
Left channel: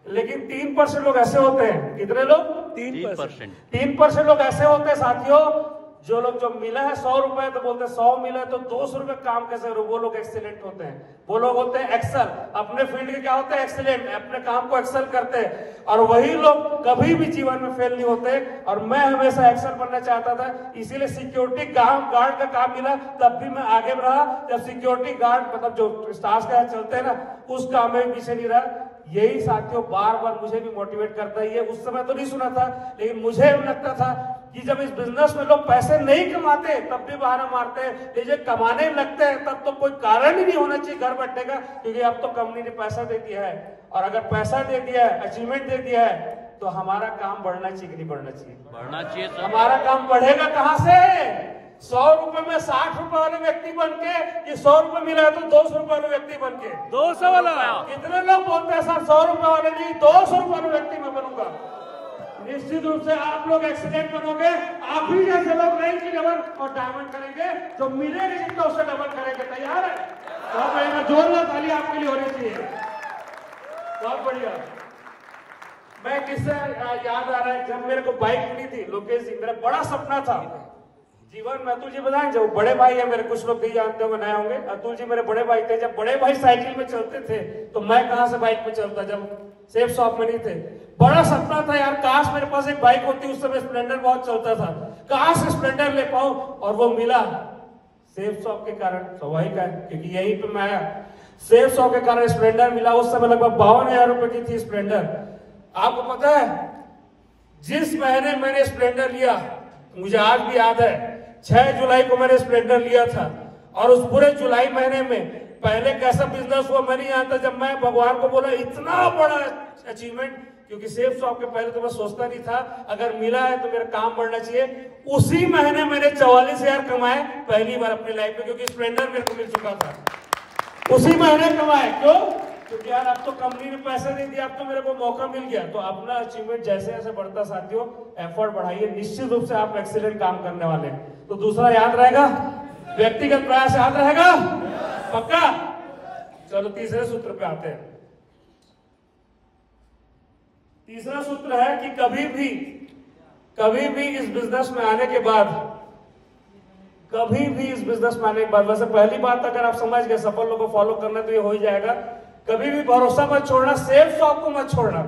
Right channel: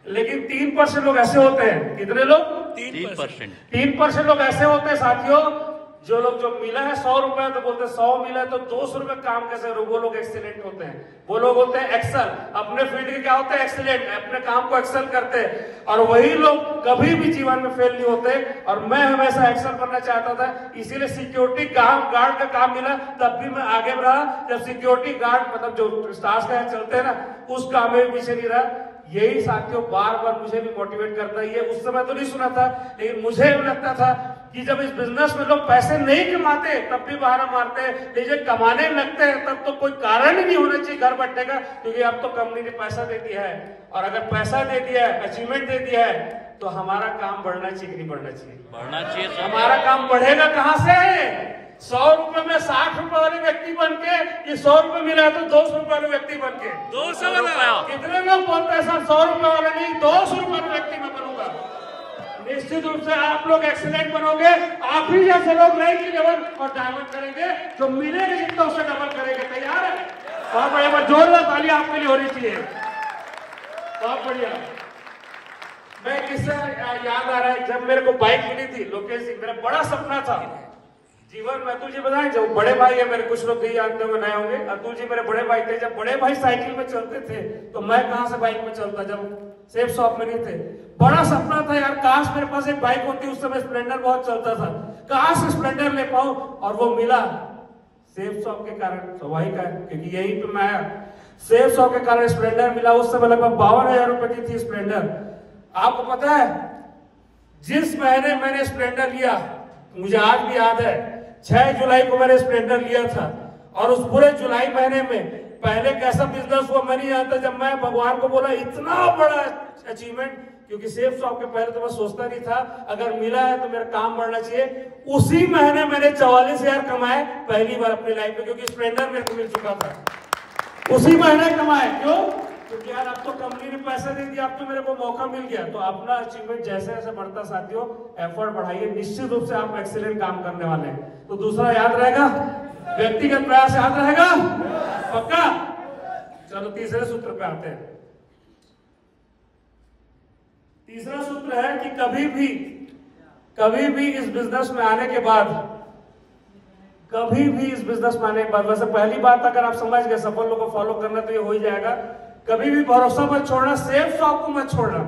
लेकिन 3% लोग ऐसे होते हैं, कितने लोग? 3% लोग ऐसे होते हैं साथियों जो लोग जो मिला है 100 रुपए तो बोलते हैं 100 मिला है तो 200 रुपए काम कैसे करो, वो लोग एक्सीलेंट होते हैं, वो लोग होते हैं एक्सेल, अपने फील्ड के क्या होता है एक्सीलेंट, अपने काम को एक्सेल करते हैं। और वही लोग कभी भी जीवन में फेल नहीं होते। और मैं हमेशा एक्सेल करना चाहता था, इसीलिए सिक्योरिटी गार्ड का काम मिला, तब भी मैं आगे बढ़ा। जब सिक्योरिटी गार्ड मतलब जो स्टार्स का चलते हैं ना, उस काम में पीछे नहीं रहा। यही साथियों बार बार मुझे भी मोटिवेट करता है। उस समय तो नहीं सुना था, लेकिन मुझे भी लगता था कि जब इस बिजनेस में लोग पैसे नहीं कमाते तब भी बहाना मारते हैं, लेकिन कमाने लगते हैं तब तो कोई कारण ही नहीं होना चाहिए घर बैठने का, क्योंकि अब तो कंपनी ने पैसा दे दिया है। और अगर पैसा दे दिया है, अचीवमेंट दे दिया है, तो हमारा काम बढ़ना चाहिए कि नहीं बढ़ना चाहिए? बढ़ना चाहिए। हमारा काम बढ़ेगा कहां से? 100 रुपए में 60 रुपए वाले व्यक्ति बन के, ये 100 रुपए मिला है तो 200 रुपए वाले व्यक्ति बन के 200 वाला। कितने लोग बोलते हैं सर 100 रुपए वाले नहीं 200 रुपए वाले व्यक्ति में बनूंगा? निश्चित रूप से आप लोग एक्सीलेंट बनोगे। आप भी जैसे लोग रहेंगे डबल और डायमंड करेंगे, तो मिलेगा जितना उससे डबल करेंगे। तैयार है? बहुत बढ़िया, जोरदार ताली आपके लिए होनी चाहिए। बहुत बढ़िया। मैं किस्सा याद आ रहा है, जब मेरे को बाइक मिली थी लोकेश सिंह, मेरा बड़ा सपना था जीवन में। अतुल जी बताएं, जब बड़े भाई है मेरे, कुछ लोग नहीं जानते होंगे, नए होंगे, अतुल जी मेरे बड़े भाई थे। जब बड़े भाई साइकिल में चलते थे तो मैं कहां से बाइक में चलता, जब सेफ शॉप में नहीं थे। बड़ा सपना था यार, काश मेरे पास एक बाइक होती। उस समय स्प्लेंडर बहुत चलता था, काश स्प्लेंडर ले पाऊं। और वो मिला सेफ शॉप के कारण, स्वाभाविक है क्योंकि यहीं पे मैं आया। सेफ शॉप के कारण स्प्लेंडर मिला। उस समय लगभग 52,000 रुपए की थी स्प्लेंडर। आपको पता है जिस महीने मैंने स्प्लेंडर लिया, मुझे आज भी याद है, 6 जुलाई को मैंने स्प्लेंडर लिया था। और उस पूरे जुलाई महीने में पहले कैसा बिजनेस हुआ मैं नहीं जानता। जब मैं भगवान को बोला इतना बड़ा अचीवमेंट, क्योंकि सेफ शॉप के पहले तो मैं सोचता नहीं था, अगर मिला है तो मेरा काम बढ़ना चाहिए। उसी महीने मैंने 44,000 कमाए पहली बार अपनी लाइफ में, क्योंकि स्प्लेंडर मेरे को मिल चुका था। उसी महीने कमाए। क्यों? क्योंकि यार अब तो कंपनी ने पैसा दे दिया, अब तो मेरे को मौका मिल गया। तो अपना अचीवमेंट जैसे जैसे बढ़ता साथियों, एफर्ट बढ़ाइए, निश्चित रूप से आप एक्सीलेंट काम करने वाले हैं। तो दूसरा याद रहेगा, व्यक्तिगत प्रयास याद रहेगा, पक्का? चलो तीसरे सूत्र पे आते हैं। तीसरा सूत्र है कि कभी भी इस बिजनेस में आने के बाद, वैसे पहली बात अगर आप समझ गए, सफल लोगों को फॉलो करना तो ये हो ही जाएगा। कभी भी भरोसा मत छोड़ना, सेफ शॉप को मत छोड़ना।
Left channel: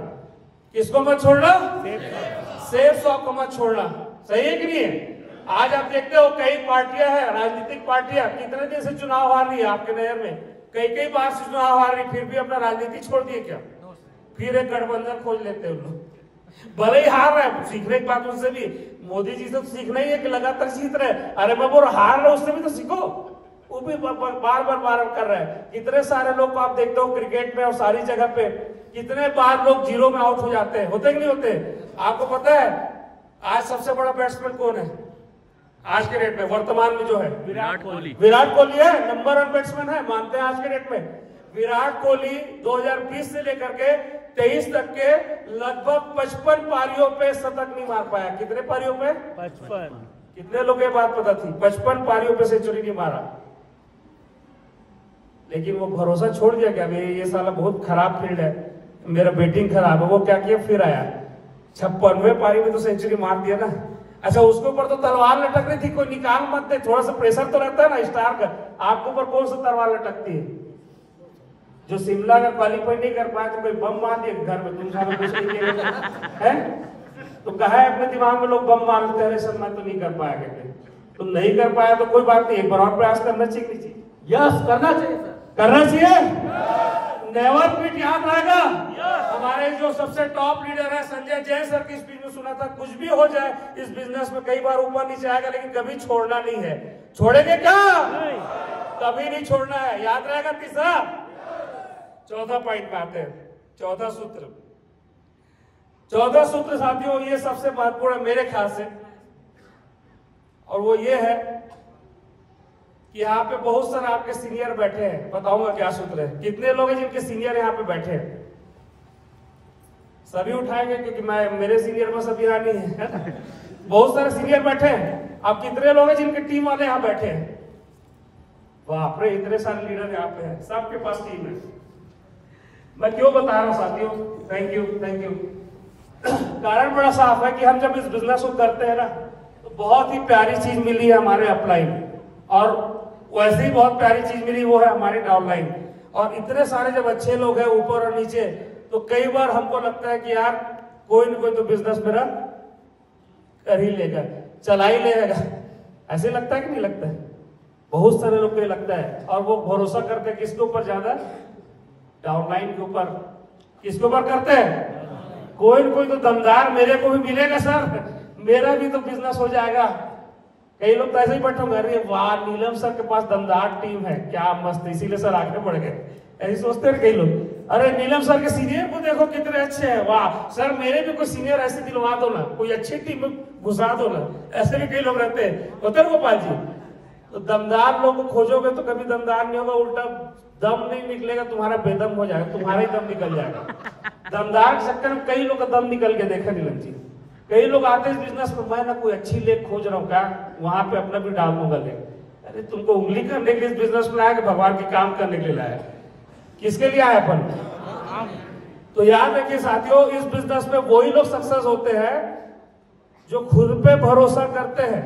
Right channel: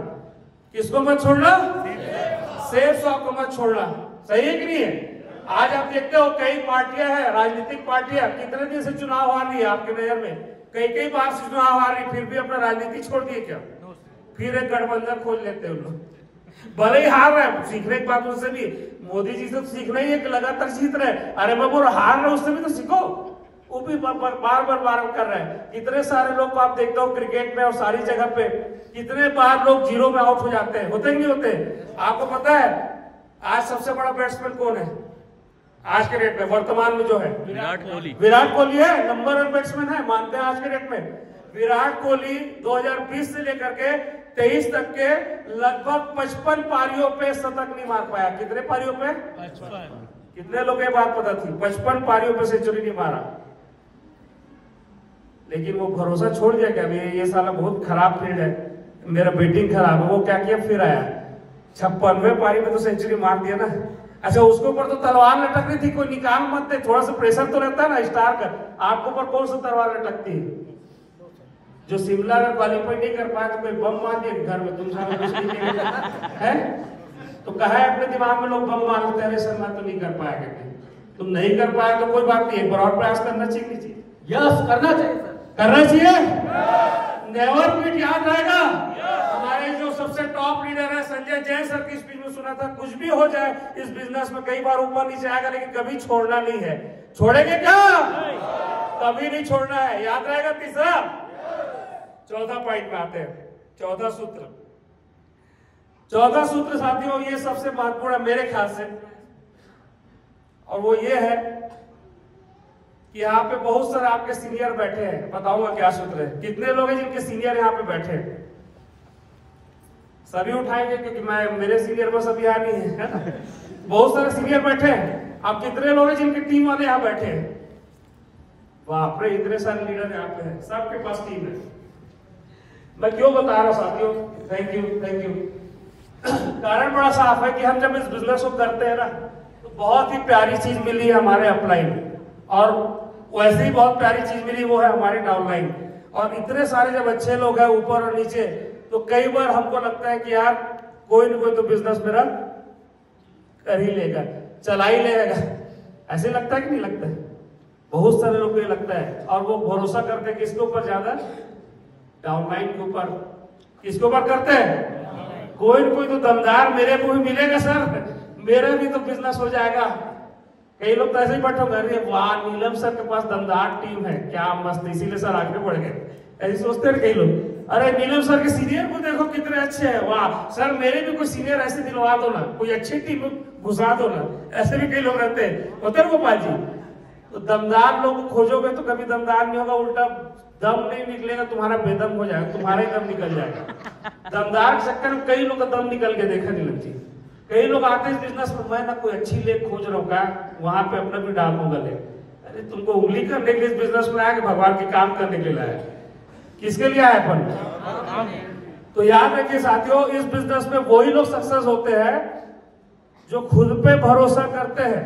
किसको मत छोड़ना? सेफ शॉप को मत छोड़ना। सही है कि नहीं है? आज आप देखते हो कई पार्टियां हैं, राजनीतिक पार्टियां, कितने दिन से चुनाव आ रही है आपके नहर में, कई बार से चुनाव आ रही, फिर भी अपना राजनीति छोड़ दिए क्या? फिर एक गठबंधन खोज लेते हैं लोग, भले ही हार रहे हैं। सीखने की बात उससे भी, मोदी जी से तो सीखना ही है कि लगातार जीत रहे। अरे बाबू हार रहे, उससे भी तो सीखो। वो भी बार बार कर रहे हैं। कितने सारे लोग को आप देखते हो क्रिकेट में और सारी जगह पे, कितने बार लोग जीरो में आउट हो जाते हैं, होते नहीं होते? आपको पता है आज सबसे बड़ा बैट्समैन कौन है आज के डेट में, वर्तमान में जो है? विराट कोहली है, नंबर 1 बैट्समैन है, मानते हैं आज के डेट में। विराट कोहली 2020 से लेकर के 23 तक के लगभग 55 पारियों पे शतक नहीं मार पाया। कितने पारियों पे? 55। कितने लोग ये बात पता थी? 55 पारियों पे सेंचुरी नहीं मारा। लेकिन वो भरोसा छोड़ दिया क्या, ये साला बहुत खराब फील्ड है, मेरा बैटिंग खराब है। वो क्या किया, फिर आया 56वें पारी में तो सेंचुरी मार दिया ना। अच्छा, उसके ऊपर तो तलवार लटक रही थी, कोई निकाल मत दे, थोड़ा सा प्रेशर तो रहता है ना स्टार का। आपके ऊपर कौन सा तलवार लटकती है? जो शिमला में क्वालिफाई नहीं कर पाया तो कोई बम मार दिया घर में, तुम है तो कहा है अपने दिमाग में लोग बम मार देते हैं, सर तो नहीं कर पाया कहते। तुम नहीं कर पाया तो कोई बात नहीं है, बराबर प्रयास करना चाहिए। यस, करना चाहिए सर, करना चाहिए। नेवर क्विट याद रहेगा। हमारे जो सबसे टॉप लीडर है संजय जैन सर की स्पीच में सुना था, कुछ भी हो जाए इस बिजनेस में, कई बार ऊपर नीचे आएगा लेकिन कभी छोड़ना नहीं है। छोड़ेंगे क्या? कभी नहीं छोड़ना है, याद रहेगा। तीसरा, चौथा पॉइंट में आते हैं, चौथा सूत्र साथियों, ये सबसे महत्वपूर्ण है मेरे ख्याल से, और वो ये है कि यहाँ पे बहुत सारे आपके सीनियर बैठे हैं। बताऊंगा क्या सूत्र है। कितने लोग हैं जिनके सीनियर यहाँ पे बैठे हैं? सभी उठाएंगे क्योंकि मेरे सीनियर बस अभी यहाँ नहीं है ना। बहुत सारे सीनियर बैठे हैं। अब कितने लोग हैं जिनके टीम वाले यहाँ बैठे हैं? बाप रे, इतने सारे लीडर यहाँ पे हैं, सबके पास टीम है। मैं क्यों बता रहा हूं साथियों? Thank you. कारण बड़ा साफ है कि हम जब इस बिजनेस को करते हैं ना, तो बहुत ही प्यारी चीज मिली है हमारे अपलाइन, और वैसे ही बहुत प्यारी चीज मिली वो है हमारी डाउनलाइन। और इतने सारे जब अच्छे लोग हैं ऊपर और नीचे, तो कई बार हमको लगता है कि यार कोई न कोई तो बिजनेस मेरा कर ही लेगा, चला ही लेगा। ऐसे लगता है कि नहीं लगता है? बहुत सारे लोग को ये लगता है, और वो भरोसा करते हैं किसके ऊपर ज्यादा? डाउनलाइन के ऊपर। किसके ऊपर करते हैं? कोई न कोई तो दमदार मेरे को भी मिलेगा सर, मेरा भी तो बिजनेस हो जाएगा। कई लोग तो ऐसे ही बैठे होंगे, अरे वाह नीलम सर के पास दमदार टीम है, क्या मस्त, इसीलिए सर आगे बढ़ गए। ऐसे सोचते हैं कई लोग, अरे नीलम सर के सीनियर को देखो कितने अच्छे हैं, वाह सर मेरे भी कोई सीनियर ऐसे दिलवा दो ना, कोई अच्छी टीम घुसा दो ना। ऐसे भी कई लोग रहते हैं, होते हैं गोपाल जी। तो दमदार लोग खोजोगे तो कभी दमदार नहीं होगा, उल्टा दम नहीं निकलेगा, तुम्हारा बेदम हो जाएगा, तुम्हारा ही दम निकल जाएगा। दमदार के चक्कर में कई लोग का दम निकल के देखा नहीं लगती। कई लोग आते हैं बिजनेस में, मैं ना कोई अच्छी लेख खोज रहा हूँ, क्या वहां पे अपना भी डाल दूंगा ले। अरे तुमको उंगली करने के लिए बिजनेस में आया कि भगवान के काम करने के लिए आया? किसके लिए आया अपन? तो याद रखिए साथियों, इस बिजनेस में वही लोग सक्सेस होते हैं जो खुद पे भरोसा करते हैं।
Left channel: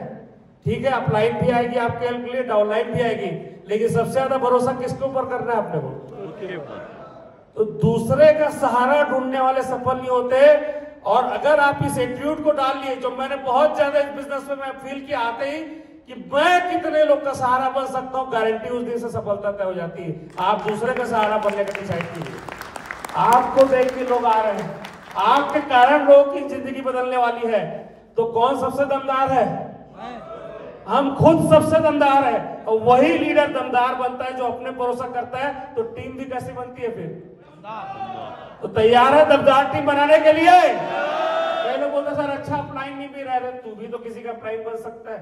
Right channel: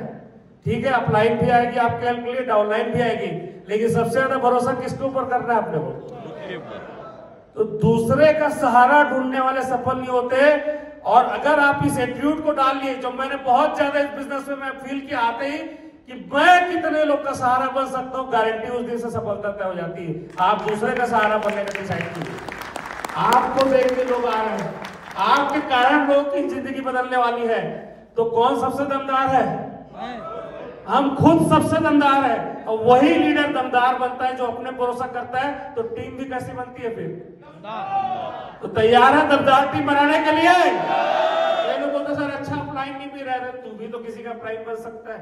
ठीक है, अपलाइन भी आएगी आपके हेल्प के लिए, डाउनलाइन भी आएगी, लेकिन सबसे ज्यादा भरोसा किसके ऊपर करना है अपने को? तो दूसरे का सहारा ढूंढने वाले सफल नहीं होते। और अगर आप इस एटीट्यूड को डाल लिए, जो मैंने बहुत ज्यादा इस बिजनेस में मैं फील किया आते ही कि मैं कितने लोग का सहारा बन सकता हूं, गारंटी उस दिन से सफलता तय हो जाती है। आप दूसरे का सहारा बनने का डिसाइड कीजिए। आपको देख के लोग आ रहे हैं, आपके कारण लोगों की जिंदगी बदलने वाली है। तो कौन सबसे दमदार है? हम खुद सबसे दमदार है, और वही लीडर दमदार बनता है जो अपने भरोसा करता है। तो टीम भी कैसी बनती है फिर? तो तैयार है दमदार टीम बनाने के लिए? बोलते सर अच्छा अपलाइन नहीं भी रहा, तू भी तो किसी का अपलाइन बन सकता है।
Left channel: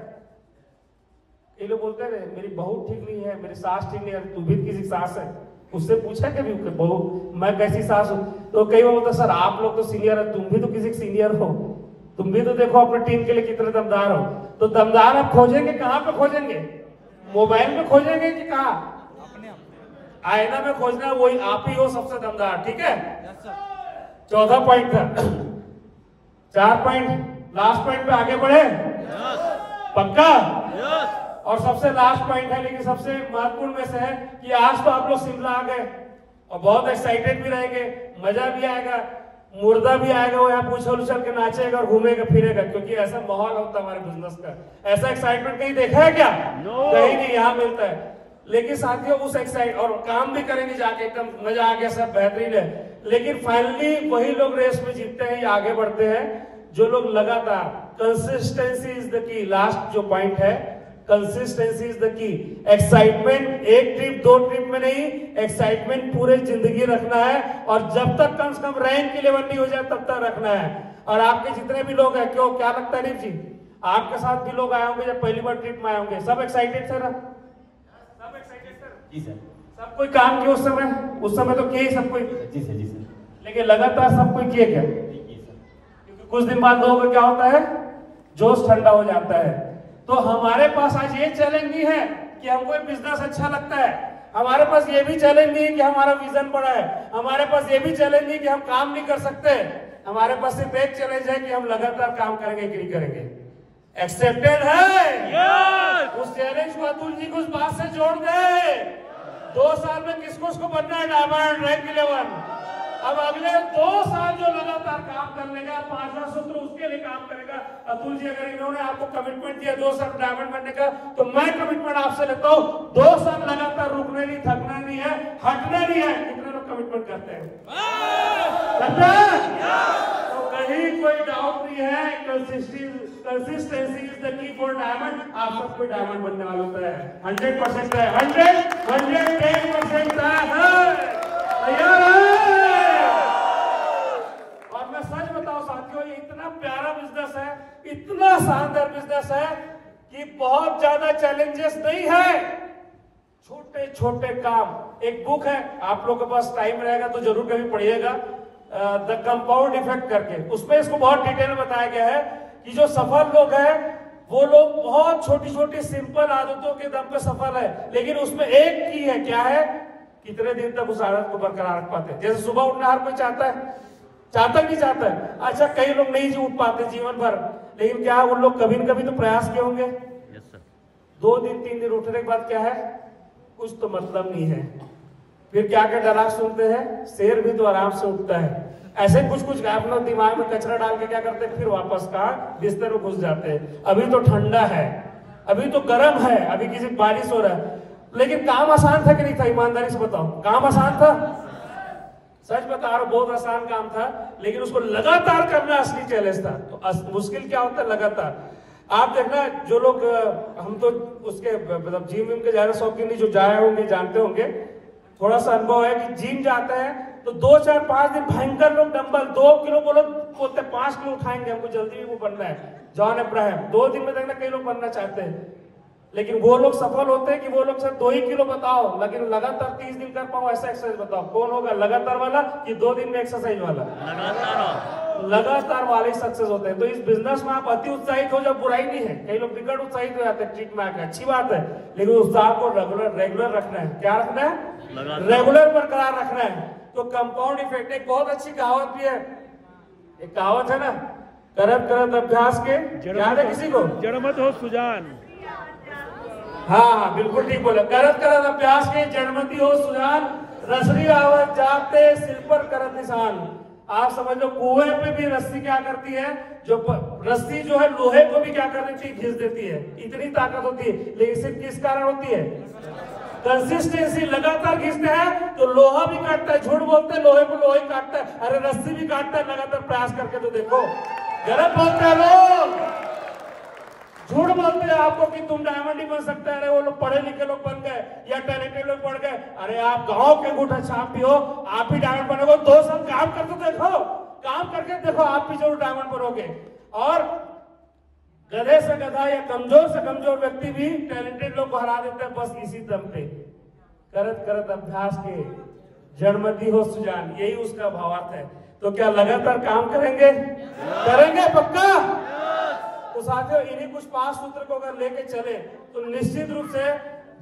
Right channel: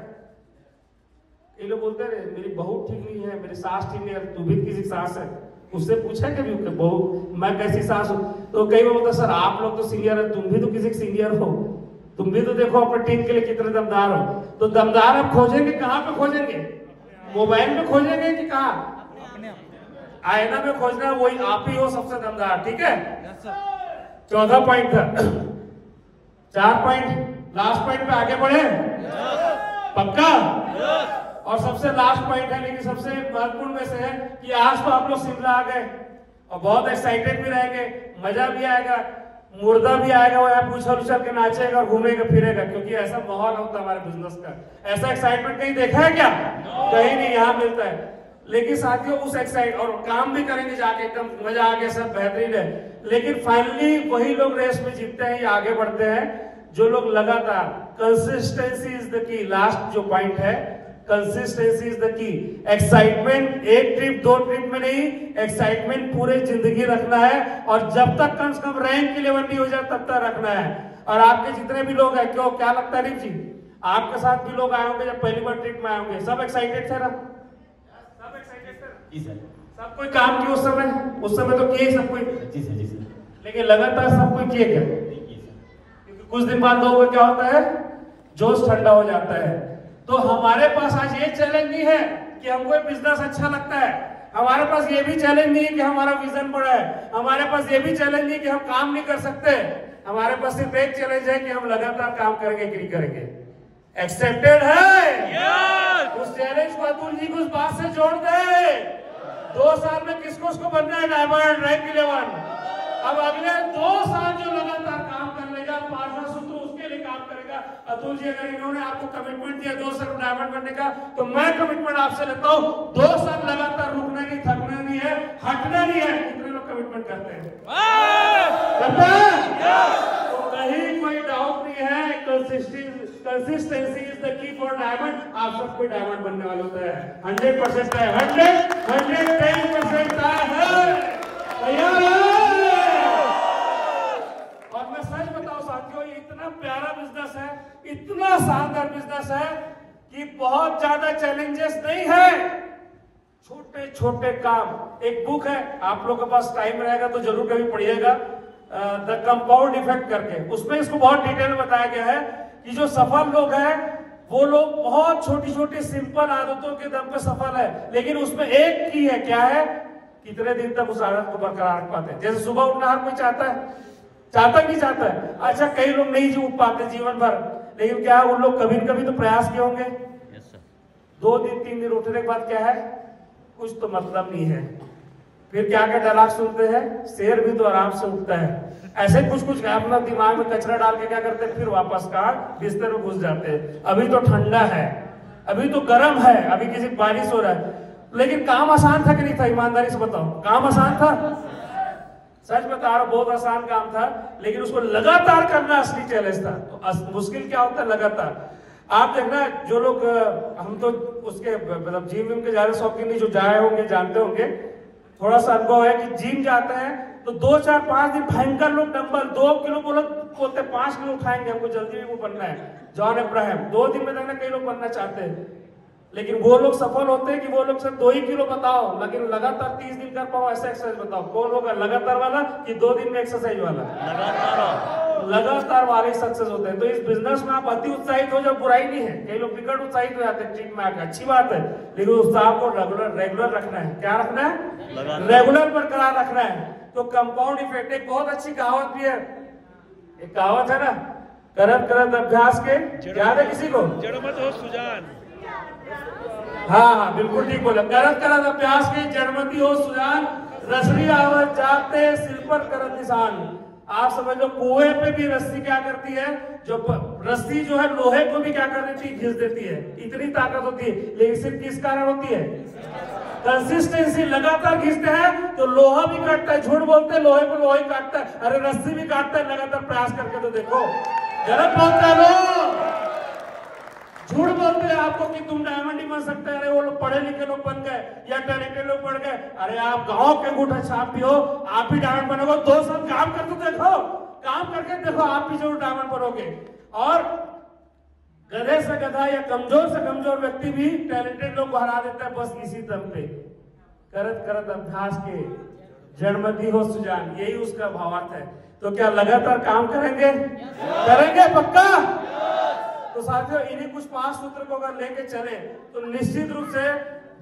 ये लोग बोलते रहे मेरी बहू ठीक नहीं है, मेरी सास ठीक नहीं है, तू भी किसी सास है, उससे पूछा कभी बहू मैं कैसी सास हूं? तो कई बार बोलते सर आप लोग तो सीनियर है, तुम भी तो किसी सीनियर हो, तुम भी तो देखो अपने टीम के लिए कितने दमदार हो। तो दमदार आप खोजेंगे कहां पे खोजेंगे? मोबाइल में खोजेंगे कि कहां? आईना में खोजना, वही आप ही हो सबसे दमदार। ठीक है, 14 पॉइंट था, 4 पॉइंट, लास्ट पॉइंट पे आगे बढ़े पक्का? और सबसे लास्ट पॉइंट है, लेकिन सबसे महत्वपूर्ण में से है कि आज तो आप लोग शिमला आ गए और बहुत एक्साइटेड भी रहेंगे, मजा भी आएगा, मुर्दा भी आएगा, वो यहाँ उछल उछल के नाचेगा और घूमेगा फिरेगा, क्योंकि ऐसा माहौल होता है हमारे बिजनेस का। ऐसा एक्साइटमेंट कहीं देखा है क्या? कहीं नहीं, यहाँ मिलता है। लेकिन साथियों उस एक्साइट और काम भी करेंगे जाके, एकदम मजा आ गया, सब बेहतरीन है। लेकिन फाइनली वही लोग रेस में जीतते हैं या आगे बढ़ते हैं जो लोग लगातार, consistency is the key. Last जो पॉइंट है, consistency is the key. Excitement एक ट्रिप 2 ट्रिप में नहीं, एक्साइटमेंट पूरे जिंदगी रखना है, और जब तक कम से कम रैंक के लेवल नहीं हो जाए तब तक रखना है। और आपके जितने भी लोग हैं, क्यों क्या लगता है नील जी, आपके साथ भी लोग आए होंगे जब पहली बार ट्रिप में आए होंगे, सब एक्साइटेड थे ना? सब एक्साइटेड थे जी सर। सब कोई काम किया उस समय तो किए सब कोई जी सर, जी सर। लेकिन लगातार सब कोई किए क्या? क्योंकि कुछ दिन बाद लोगों को क्या होता है, जोश ठंडा हो जाता है। तो हमारे पास आज ये चैलेंज भी है कि हमको बिजनेस अच्छा लगता है, हमारे पास ये भी चैलेंज नहीं है कि हमारा विजन बड़ा है, हमारे पास ये भी चैलेंज नहीं कि हम काम नहीं कर सकते, हमारे पास सिर्फ एक चैलेंज है कि हम लगातार काम करेंगे कि नहीं करेंगे। एक्सेप्टेड है? उस चैलेंज को अतुल जी को उस बात से जोड़ दे, 2 साल में किसको बनना है डायमंड रैंक 11। अब अगले 2 साल जो लगातार काम कर लेगा, 5 सूत्र उसके लिए काम करेगा। अतुल जी अगर इन्होंने आपको कमिटमेंट दिया 2 साल डायमंड बनने का, तो मैं कमिटमेंट आपसे लेता हूँ 2 साल लगातार रुकना नहीं, थकना नहीं है, हटना नहीं है। कितने लोग कमिटमेंट करते हैं? तो कहीं कोई डाउट नहीं है, consistency is the key for diamond. आप सब कोई डायमंड बनने वाला होता है, 100% है, 110% तैयार है। और मैं सच बताऊं साथियों, ये इतना प्यारा बिजनेस है, इतना शानदार बिजनेस है कि बहुत ज्यादा चैलेंजेस नहीं है, छोटे छोटे काम। एक बुक है, आप लोगों के पास टाइम रहेगा तो जरूर कभी पढ़िएगा, द कंपाउंड इफेक्ट करके। उसमें इसको बहुत डिटेल में बताया गया है कि जो सफल लोग हैं वो लोग बहुत छोटी छोटी सिंपल आदतों के दम पे सफल है, लेकिन उसमें एक की है, क्या है, कितने दिन तक उस आदत को बरकरार रख पाते हैं। जैसे सुबह उठना हर कोई चाहता है, चाहता कि चाहता है? अच्छा, कई लोग नहीं उठ पाते जीवन भर, लेकिन क्या उन लोग कभी न कभी तो प्रयास किए होंगे। 2 दिन 3 दिन उठने के बाद क्या है, कुछ तो मतलब नहीं है। फिर क्या क्या डायलॉग सुनते हैं, शेर भी तो आराम से उठता है। ऐसे कुछ अपना दिमाग में कचरा डाल के क्या करते हैं, फिर वापस का बिस्तर में घुस जाते हैं। अभी तो ठंडा है, अभी तो गर्म है, अभी किसी बारिश हो रहा है, लेकिन काम आसान था कि नहीं था? ईमानदारी से बताओ, काम आसान था? सच बता रहा हूं, बहुत आसान काम था, लेकिन उसको लगातार करना असली चैलेंज था। तो मुश्किल क्या होता है, लगातार। आप देखना, जो लोग, हम तो उसके मतलब जिम विम के ज्यादा शौकीन नहीं, जो जाए होंगे जानते होंगे, थोड़ा सा अनुभव है कि जिम जाते हैं तो 2 4 5 दिन भयंकर लोग डंबल 2 किलो बोलते 5 किलो उठाएंगे, हमको जल्दी भी वो बनना है। जॉन अब्राहम 2 दिन में देखना कई लोग बनना चाहते हैं, लेकिन वो लोग सफल होते हैं कि वो लोग सिर्फ 2 ही किलो बताओ, लेकिन लगातार 30 दिन कर पाओ ऐसा एक्सरसाइज बताओ। कौन होगा लगातार वाला कि 2 दिन में एक्सरसाइज वाला? लगातार वाले सक्सेस होते हैं। तो इस बिजनेस में आप अति उत्साहित हो जाओ, बुराई नहीं है। कई लोग बिगड़ उत्साहित हो जाते हैं ट्रीट में आकर, अच्छी बात है, लेकिन उत्साह को रेगुलर रखना है। क्या रखना है? रेगुलर बरकरार रखना है। तो कंपाउंड इफेक्ट, एक बहुत अच्छी कहावत भी है, एक कहावत है ना, करत करत अभ्यास के, याद है किसी को? जड़मत हो सुजान। हाँ बिल्कुल ठीक बोला, करत करत अभ्यास के जड़मती हो सुजान, रसरी आवत जागते सिर पर करत निशान। आप समझ लो, कुएं पे भी रस्सी क्या करती है, जो रस्सी जो है लोहे को भी क्या कर देती है, घिस देती है, इतनी ताकत होती है। लेकिन सिर्फ किस कारण होती है? कंसिस्टेंसी। लगातार घिसते हैं तो लोहा भी काटता है, झूठ बोलते हैं लोहे को लोहा ही काटता है, अरे रस्सी भी काटता है। लगातार प्रयास करके तो देखो, गलत मत करो। झूठ बोलते हैं आपको कि तुम डायमंड ही बन सकते हैं, वो लोग पढ़े लिखे लोग बन गए या टैलेंटेड लोग बन गए। अरे आप गांव के अंगूठा छाप भी हो, आप भी डायमंड बनोगे। 2 साल काम करके देखो, काम करके देखो, आप भी जरूर डायमंड बनोगे। और गधे से गधा या कमजोर से कमजोर व्यक्ति भी टैलेंटेड लोग को हरा देता है, बस इसी दम पे। करत करत अभ्यास के जड़मती हो सुजान, यही उसका भावार्थ है। तो क्या लगातार काम करेंगे? करेंगे पक्का? तो साथियों, इन्हीं कुछ 5 सूत्र को अगर लेके चले तो निश्चित रूप से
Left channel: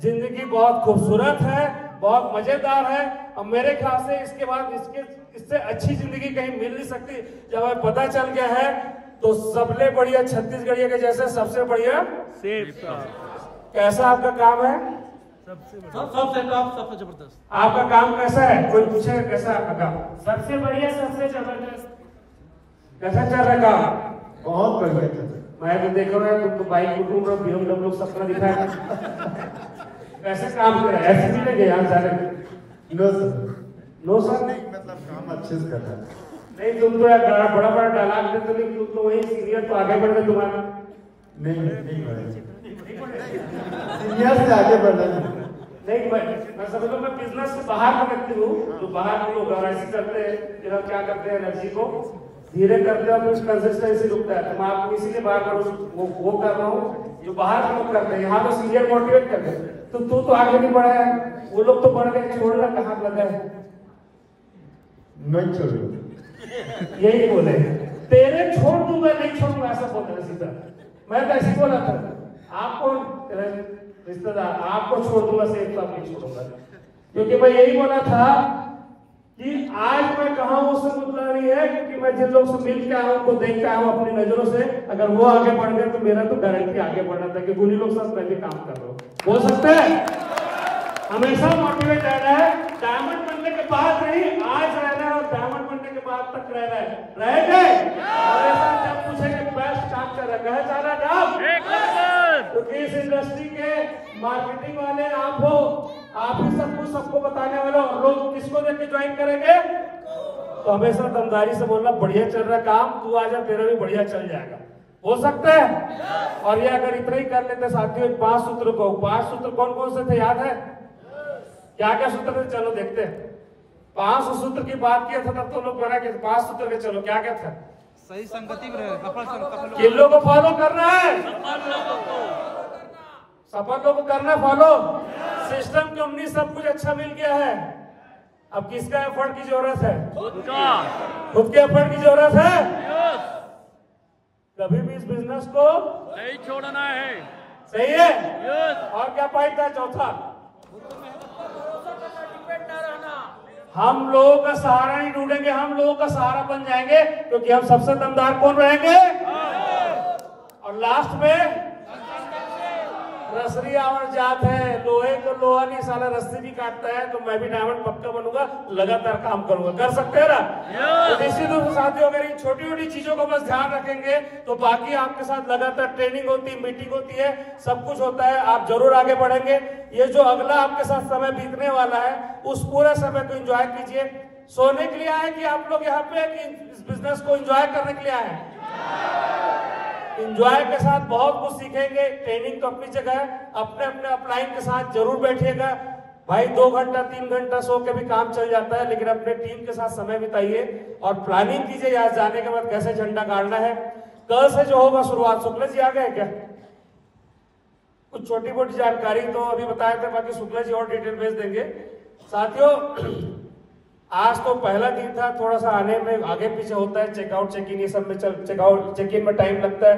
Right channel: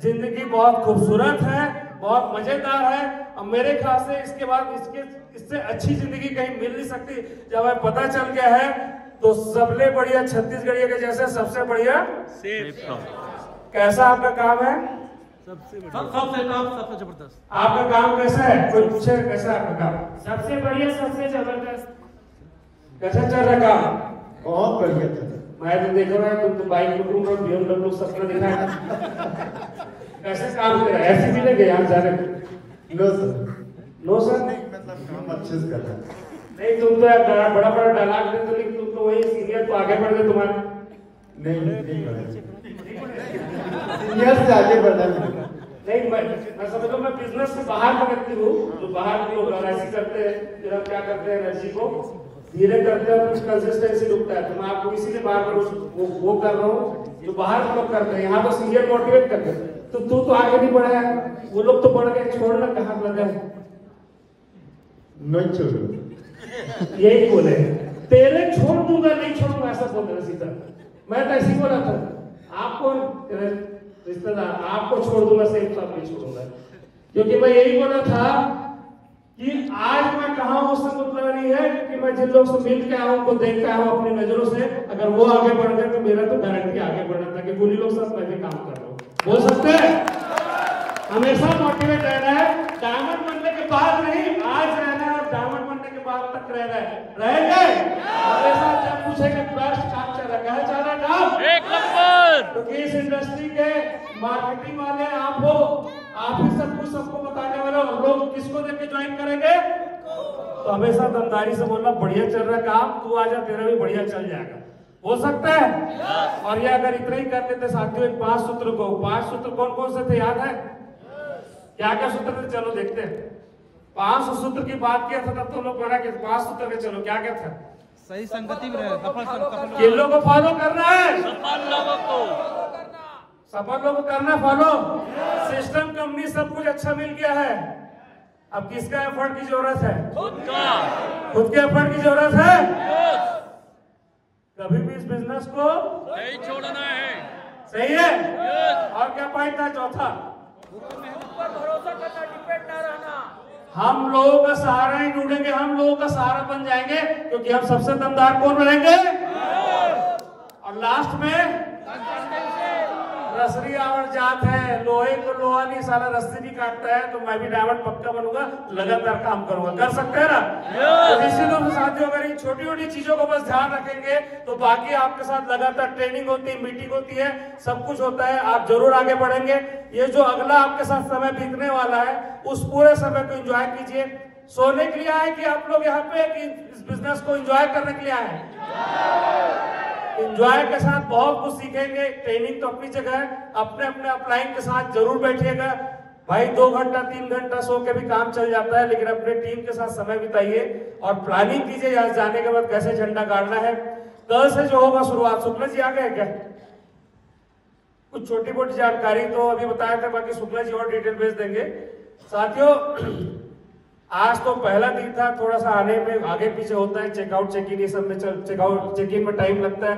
जिंदगी बहुत खूबसूरत है, बहुत मजेदार है। और मेरे ख्याल से इसके बाद इससे अच्छी जिंदगी कहीं मिल नहीं सकती। जब हमें पता चल गया है तो सबसे बढ़िया छत्तीसगढ़िया के जैसे सबसे बढ़िया कैसा आपका काम है? सबसे टॉप, सबसे जबरदस्त। आपका काम कैसा है? कोई पूछे कैसा है आपका काम? सबसे बढ़िया, सबसे जबरदस्त। कैसा चल रहा काम? बहुत बढ़िया। मैं तो देख रहा हूँ तो बाइक लोग सपना दिखा है। कैसे काम कर रहे हैं? ऐसे मिलेंगे यार सारे? नो सर, नहीं मतलब काम अच्छे से कर रहा है। नहीं तुम तो बड़ा डायलॉग देते हो, लेकिन तुम तो वही सीरियल तो आगे बढ़ गए तुम्हारा। नहीं सीरियल से आगे बढ़ना नहीं। मैं समझ लो, मैं बिजनेस से बाहर का व्यक्ति हूँ, जो बाहर के लोग ऐसे करते हैं, फिर हम क्या करते हैं, एनर्जी को धीरे करते हैं, कुछ कंसिस्टेंसी रुकता है। तो मैं आपको इसीलिए बार-बार वो कर रहा हूँ जो बाहर के लोग करते हैं। यहाँ तो सीनियर मोटिवेट करते हैं, तो तू तो आगे नहीं बढ़ा है, वो लोग तो बढ़ गए, छोड़ना कहाँ लगा है? नहीं छोड़ो, यही बोले, तेरे छोड़ दूंगा, नहीं छोड़ूंगा, ऐसा बोल रहा सीधा। मैं तो ऐसे बोला था, आपको रिश्तेदार आपको छोड़ दूंगा, सही तो आप नहीं छोड़ूंगा, क्योंकि मैं यही बोला था कि आज मैं कहा हूं उससे मतलब नहीं है, क्योंकि मैं जिन लोगों से मिल के आया हूं, देख के आया हूं अपनी नजरों से, अगर वो आगे बढ़ गए तो मेरा तो गारंटी आगे बढ़ना था, क्योंकि उन्हीं लोग साथ मैं भी काम कर रहा हूं। हो सकते हैं हमेशा मोटिवेट रहना है, डायमंड बनने के बाद नहीं, आज रहना है, डायमंड बनने के बाद तक रहना है। रहेंगे? जब पूछेंगे बेस्ट काम चल रहा है, कहाँ चल रहा है? एक नंबर। इस इंडस्ट्री के मार्केटिंग वाले आप हो, आप ही सब कुछ सबको बताने वाले हो। लोग किसको देख के ज्वाइन करेंगे? तो हमेशा दमदारी से बोलना, बढ़िया चल रहा काम, तू आजा, तेरा भी बढ़िया चल जाएगा। हो सकता है? और ये अगर इतना ही कर लेते साथियों, 5 सूत्र को, 5 सूत्र कौन कौन से थे याद है? क्या क्या सूत्र थे? चलो देखते हैं। 5 सूत्र की बात किया था तब तो लोग बना के 5 सूत्र के, चलो क्या क्या था? सही संगति में रहे, किन लोगों को फॉलो करना है? सफल लोगों को, सफल लोगों को करना फॉलो। सिस्टम, कंपनी, सब कुछ अच्छा मिल गया है, अब किसका एफर्ट की जरूरत है? खुद का, खुद के एफर्ट की जरूरत है। कभी भी इस बिजनेस को नहीं छोड़ना है। सही है? और क्या पॉइंट था चौथा? भरोसा करना, डिपेंड ना रहना। हम लोगों का सहारा ही ढूंढेंगे, हम लोगों का सहारा बन जाएंगे, क्योंकि हम सबसे दमदार कौन रहेंगे? और लास्ट में रसरी आवर जात है, लोहे को लोहा नहीं साला रस्सी भी काटता है, तो मैं भी डायमंड पक्का बनूंगा, लगातार काम करूंगा। कर सकते हैं ना? तो इसी तरह साथियों, अगर इन छोटी छोटी चीजों को बस ध्यान रखेंगे तो बाकी आपके साथ लगातार ट्रेनिंग होती है, मीटिंग होती है, सब कुछ होता है, आप जरूर आगे बढ़ेंगे। ये जो अगला आपके साथ समय बीतने वाला है, उस पूरे समय को एंजॉय कीजिए। सोने के लिए आए कि आप लोग यहाँ पे कि इस बिजनेस को एंजॉय करने के लिए आए? एंजॉय के साथ बहुत कुछ सीखेंगे। ट्रेनिंग तो अपनी जगह है, अपने अपने अपलाइन के साथ जरूर बैठिएगा भाई। 2 घंटा 3 घंटा सो के भी काम चल जाता है, लेकिन अपने टीम के साथ समय बिताइए और प्लानिंग कीजिए यहाँ जाने के बाद कैसे झंडा गाड़ना है। कल से जो होगा शुरुआत, शुक्ला जी आ गए क्या? कुछ छोटी मोटी जानकारी तो अभी बताए थे, बाकी शुक्ला जी और डिटेल भेज देंगे। साथियों, आज तो पहला दिन था, थोड़ा सा आने में आगे पीछे होता है, चेकआउट चेक इन सब में चेकआउट चेक इन में टाइम लगता है।